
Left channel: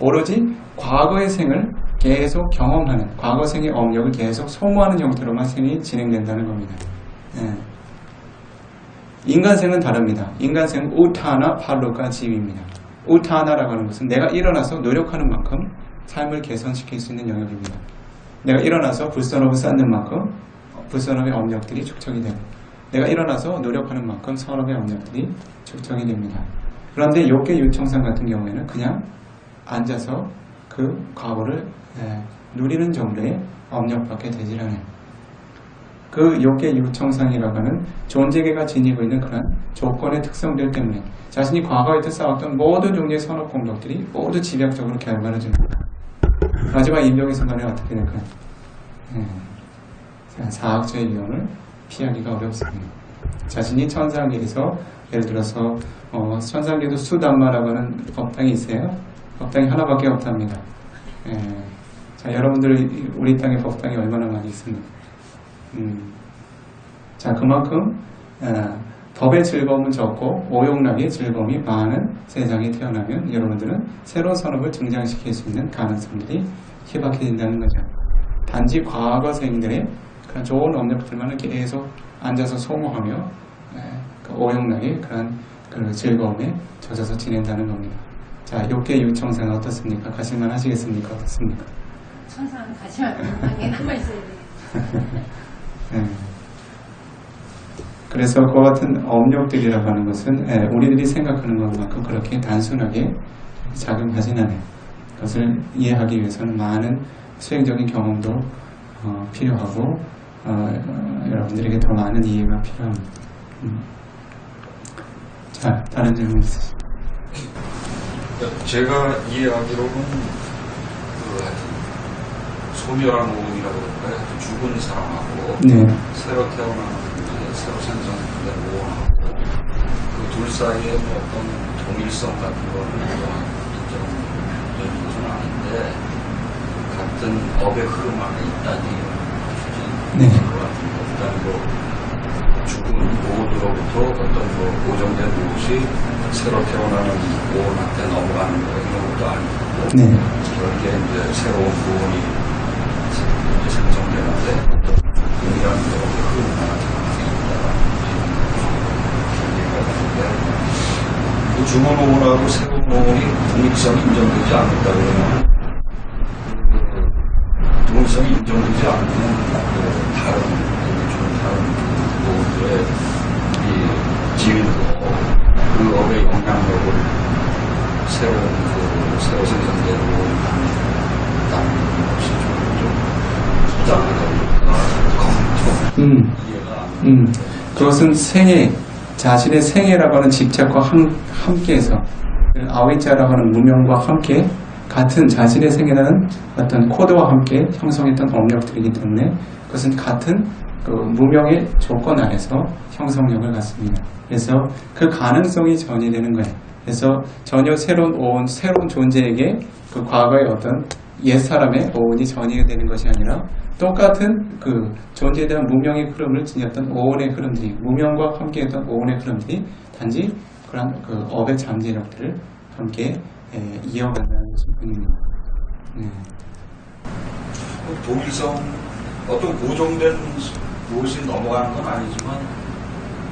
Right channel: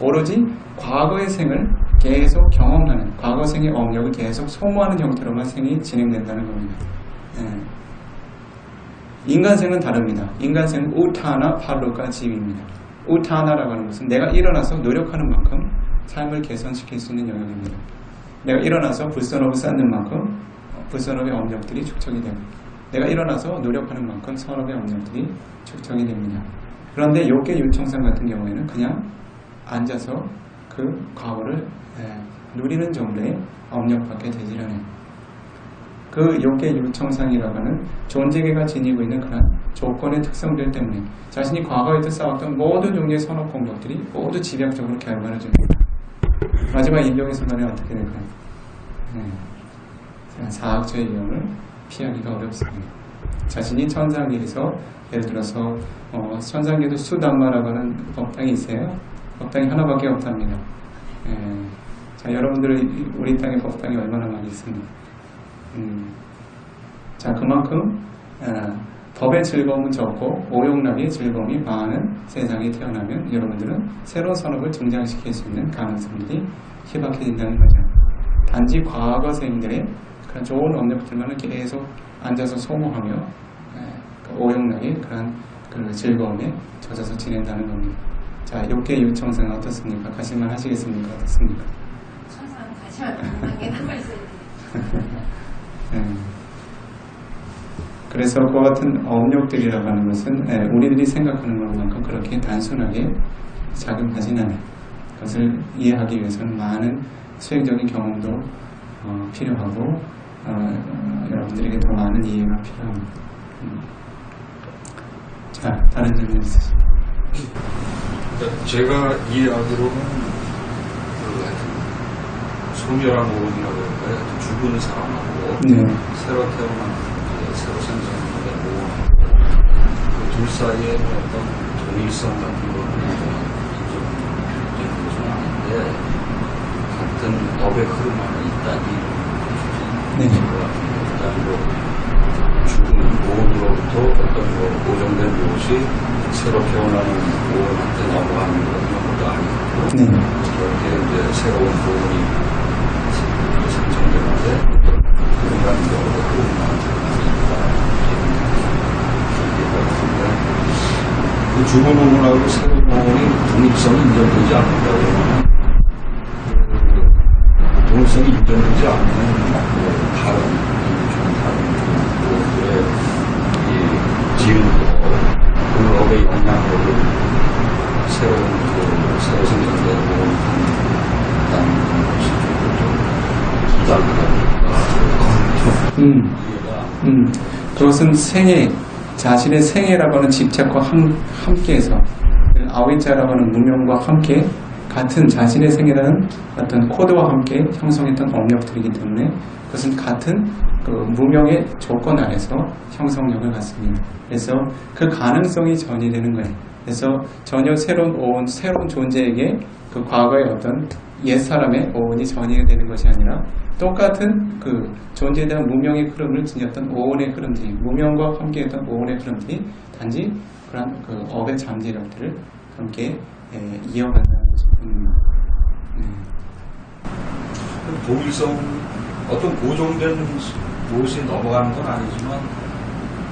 오로지 과거의 생을 계속 경험하는 과거 생의 업력을 계속 소모하는 형태로만 생이 진행된다는 겁니다. 인간생은 다릅니다. 인간생은 우타나 팔로카 지위입니다. 우타나라고 하는 것은 내가 일어나서 노력하는 만큼 삶을 개선시킬 수 있는 영역입니다. 내가 일어나서 불선업을 쌓는 만큼 불선업의 업력들이 축적이 되고 내가 일어나서 노력하는 만큼 선업의 업력들이 축적이 됩니다. 그런데 요괴 유청상 같은 경우에는 그냥 앉아서 그 과거를 누리는 정도의 업력밖에 되질 않아요. 그 요괴 유청상이라고 하는 존재계가 지니고 있는 그런 조건의 특성들 때문에 자신이 과거에 쌓았던 모든 종류의 선업 공덕들이 모두 집약적으로 결말해집니다. 마지막 임종의 순간에 어떻게 될까요? 사학처의 위험을 피하기가 어렵습니다. 자신이 천상계에서 예를 들어서 천상계도 수담마라고 하는 법당이 있어요. 법당이 하나밖에 없답니다. 자, 여러분들 우리 땅에 법당이 얼마나 많이 있습니까? 자, 그만큼 법의 즐거움은 적고 오용락의 즐거움이 많은 세상에 태어나면 여러분들은 새로운 산업을 증장시킬 수 있는 가능성들이 희박해진다는 거죠. 단지 과거생들의 그런 좋은 업력들만을 계속 앉아서 소모하며 그 오용락의 그런 그 즐거움에 젖어서 지낸다는 겁니다. 자, 요괴 유청상은 어떻습니까? 가실만 하시겠습니까? 어떻습니까? 천상 가시면 안에 남아있어야 돼. 그래서 그와 같은 업력들이라고 하는 것은 우리들이 생각하는 것만큼 그렇게 단순하게 작용하진 않아요. 그것을 이해하기 위해서는 많은 수행적인 경험도 필요하고 여러분들에게 더 많은 이해가 필요합니다. 자, 다른 질문 있으십니까? 제가 이해하기로는 소멸한 오운이라고 할까요? 죽은 사람하고 네. 새로 태어난 새로 생성된 오운하고 그 둘 사이에 어떤 동일성 같은 거는 인정되는 것은 아닌데 같은 업의 흐름 안에 있다니 네. 것 같은데 그리고 죽은 오운으로부터 어떤 고정된 무엇이 새로 태어나는 오운한테 넘어가는 거 이런 것도 아니고 네. 그렇게 이제 새로운 오운이 생성되는데 어떤 유일한 흐름 안에 그 죽은 오운하고 새로운 오운이 독립성이 인정되지 않는다 그러면 그 독립성이 인정되지 않는 다른 오운들의 이 지위도 그 업의 영향력을 새로 생성된 오운이 갖는다는 것이 좀 이상하다. 이해가 그것은 생애, 자신의 생애라고 하는 집착과 함께해서 아위자라고 하는 무명과 함께 같은 자신의 생애라는 어떤 코드와 함께 형성했던 업력들이기 때문에 그것은 같은 그 무명의 조건 안에서 형성력을 갖습니다. 그래서 그 가능성이 전이되는 거예요. 그래서 전혀 새로운 오온, 새로운 존재에게 그 과거의 어떤 옛사람의 오온이 전이가 되는 것이 아니라 똑같은 그 존재에 대한 무명의 흐름을 지녔던 오온의 흐름들이 무명과 함께했던 오온의 흐름들이 단지 그런 그 업의 잠재력들을 함께 이어간다는 것일 뿐입니다. 동일성 어떤 고정된 무엇이 넘어가는 건 아니지만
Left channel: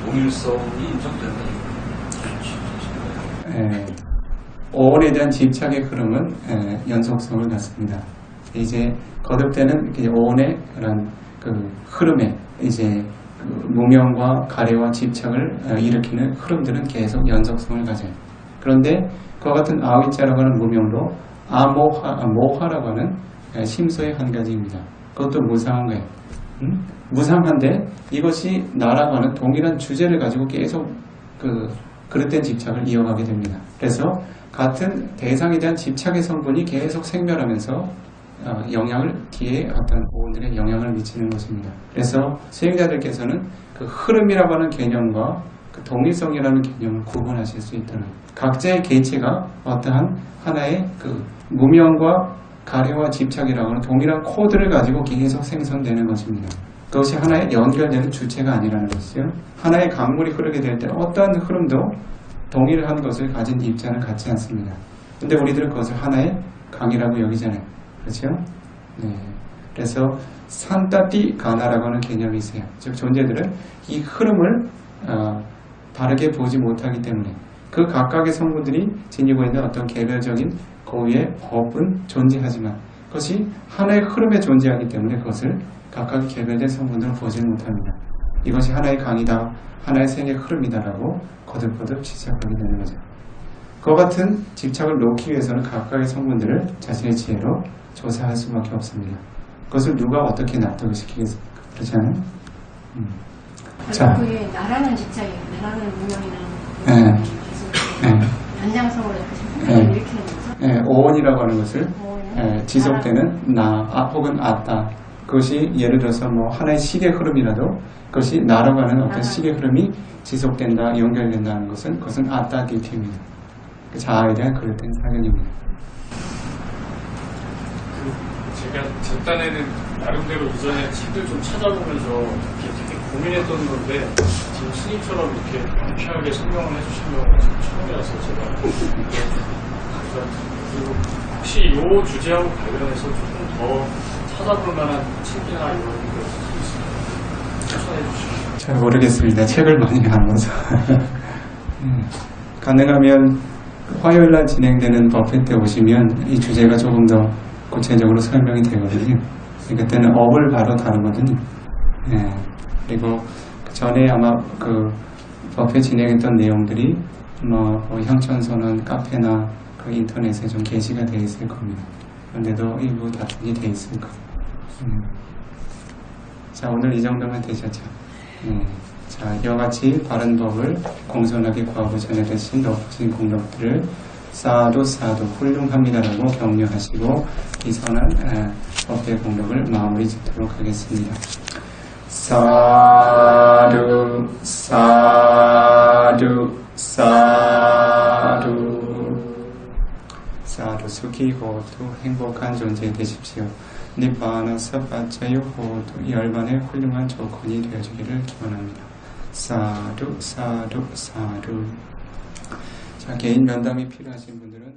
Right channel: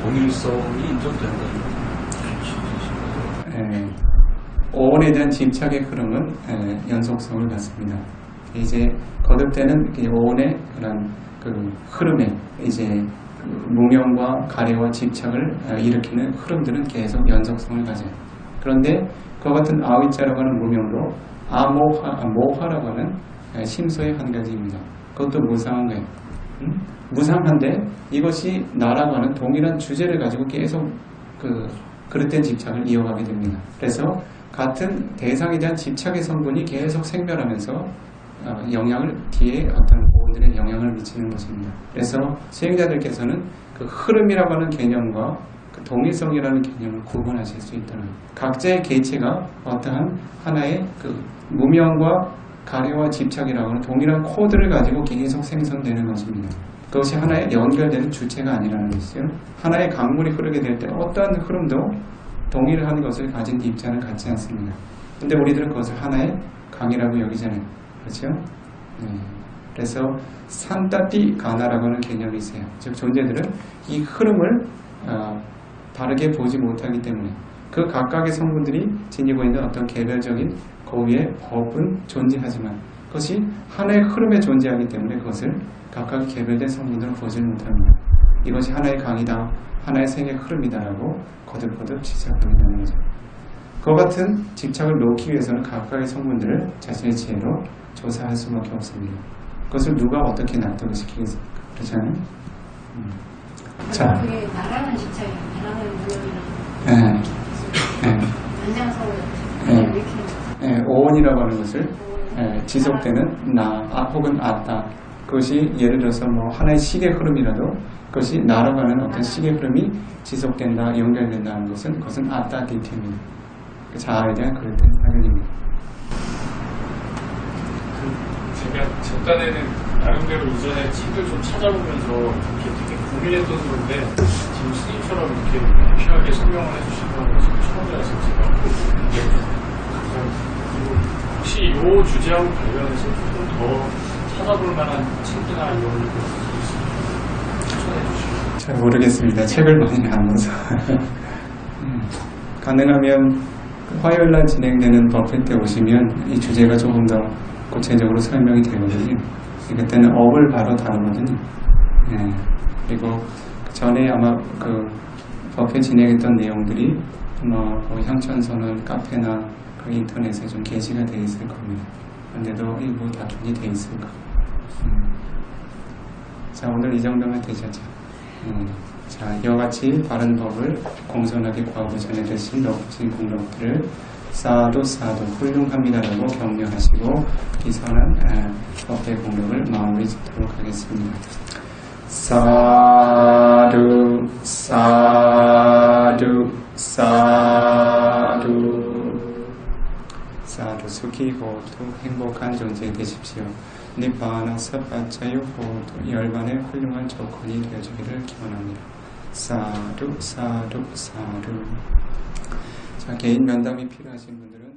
동일성이 인정된다는 거죠. 오온에 대한 집착의 흐름은 연속성을 갖습니다. 이제 거듭되는 오온의 그런 그 흐름에 이제 그 무명과 가래와 집착을 일으키는 흐름들은 계속 연속성을 가져요. 그런데 그와 같은 아위자라고 하는 무명도 모하라고 하는 심소의 한 가지입니다. 그것도 무상한 거예요. 무상한데 이것이 나라고 하는 동일한 주제를 가지고 계속 그 그릇된 집착을 이어가게 됩니다. 그래서 같은 대상에 대한 집착의 성분이 계속 생멸하면서 영향을 뒤에 어떤 오온들의 영향을 미치는 것입니다. 그래서 수행자들께서는 그 흐름이라고 하는 개념과 그 동일성이라는 개념을 구분하실 수 있다는 각자의 개체가 어떠한 하나의 그 무명과 가래와 집착이라고 하는 동일한 코드를 가지고 계속 생성되는 것입니다. 그것이 하나의 연결되는 주체가 아니라는 것이죠. 하나의 강물이 흐르게 될 때 어떠한 흐름도 동일한 것을 가진 입자는 같지 않습니다. 근데 우리들은 그것을 하나의 강이라고 여기잖아요. 그렇죠? 네. 그래서 산타띠 가나라고 하는 개념이 있어요. 즉 존재들은 이 흐름을 다르게 보지 못하기 때문에 그 각각의 성분들이 지니고 있는 어떤 개별적인 고유의 법은 존재하지만 그것이 하나의 흐름에 존재하기 때문에 그것을 각각 개별된 성분으로 보지 못합니다. 이것이 하나의 강이다, 하나의 생의 흐름이다라고 거듭거듭 지적하게 되는 거죠. 그와 같은 집착을 놓기 위해서는 각각의 성분들을 자신의 지혜로 조사할 수밖에 없습니다. 그것을 누가 어떻게 납득을 시키겠습니까? 그렇잖아요? 자, 그게 나라는 집착이에요. 나라는 무명이랑 연장성으로 이렇게 예, 오온이라고 하는 것을 지속되는 나 혹은 아따, 그것이 예를 들어서 뭐 하나의 시계 흐름이라도 그것이 나라고 하는 어떤 시계 흐름이 지속된다, 연결된다는 것은 그것은 아따기티입니다. 자아에 대한 그릇된 사견입니다. 제가 제 딴에는 나름대로 이전에 책을 좀 찾아보면서 이렇게 되게 고민했던 건데 지금 스님처럼 이렇게 유쾌하게 설명을 해주신 거는 지금 처음이라서 제가 그리고 혹시 이 주제하고 관련해서 조금 더 찾아볼 만한 책이나 이런 것들이 있으면 추천해 주시면. 잘 모르겠습니다. 책을 많이 안 봐서. 가능하면 화요일날 진행되는 버핏 때 오시면 이 주제가 조금 더 구체적으로 설명이 되거든요. 그때는 업을 바로 다루거든요. 예. 그리고 그 전에 아마 그 버핏 진행했던 내용들이 뭐 향천선언 카페나 그 인터넷에 좀 게시가 되어 있을 겁니다. 그런데도 일부 다툼이 되어 있을 거예요. 자, 오늘 이 정도면 되셨죠? 자, 이와 같이 바른 법을 공손하게 구하고 전해드신 높으신 공덕들을 사두 훌륭합니다라고 격려하시고 이 선한 법의 공덕을 마무리 짓도록 하겠습니다. 사두 수기 호두 행복한 존재 되십시오. 니바나 사바자유 호두 열반의 훌륭한 조건이 되어주기를 기원합니다. 사두. 자, 개인 면담이 필요하신 분들은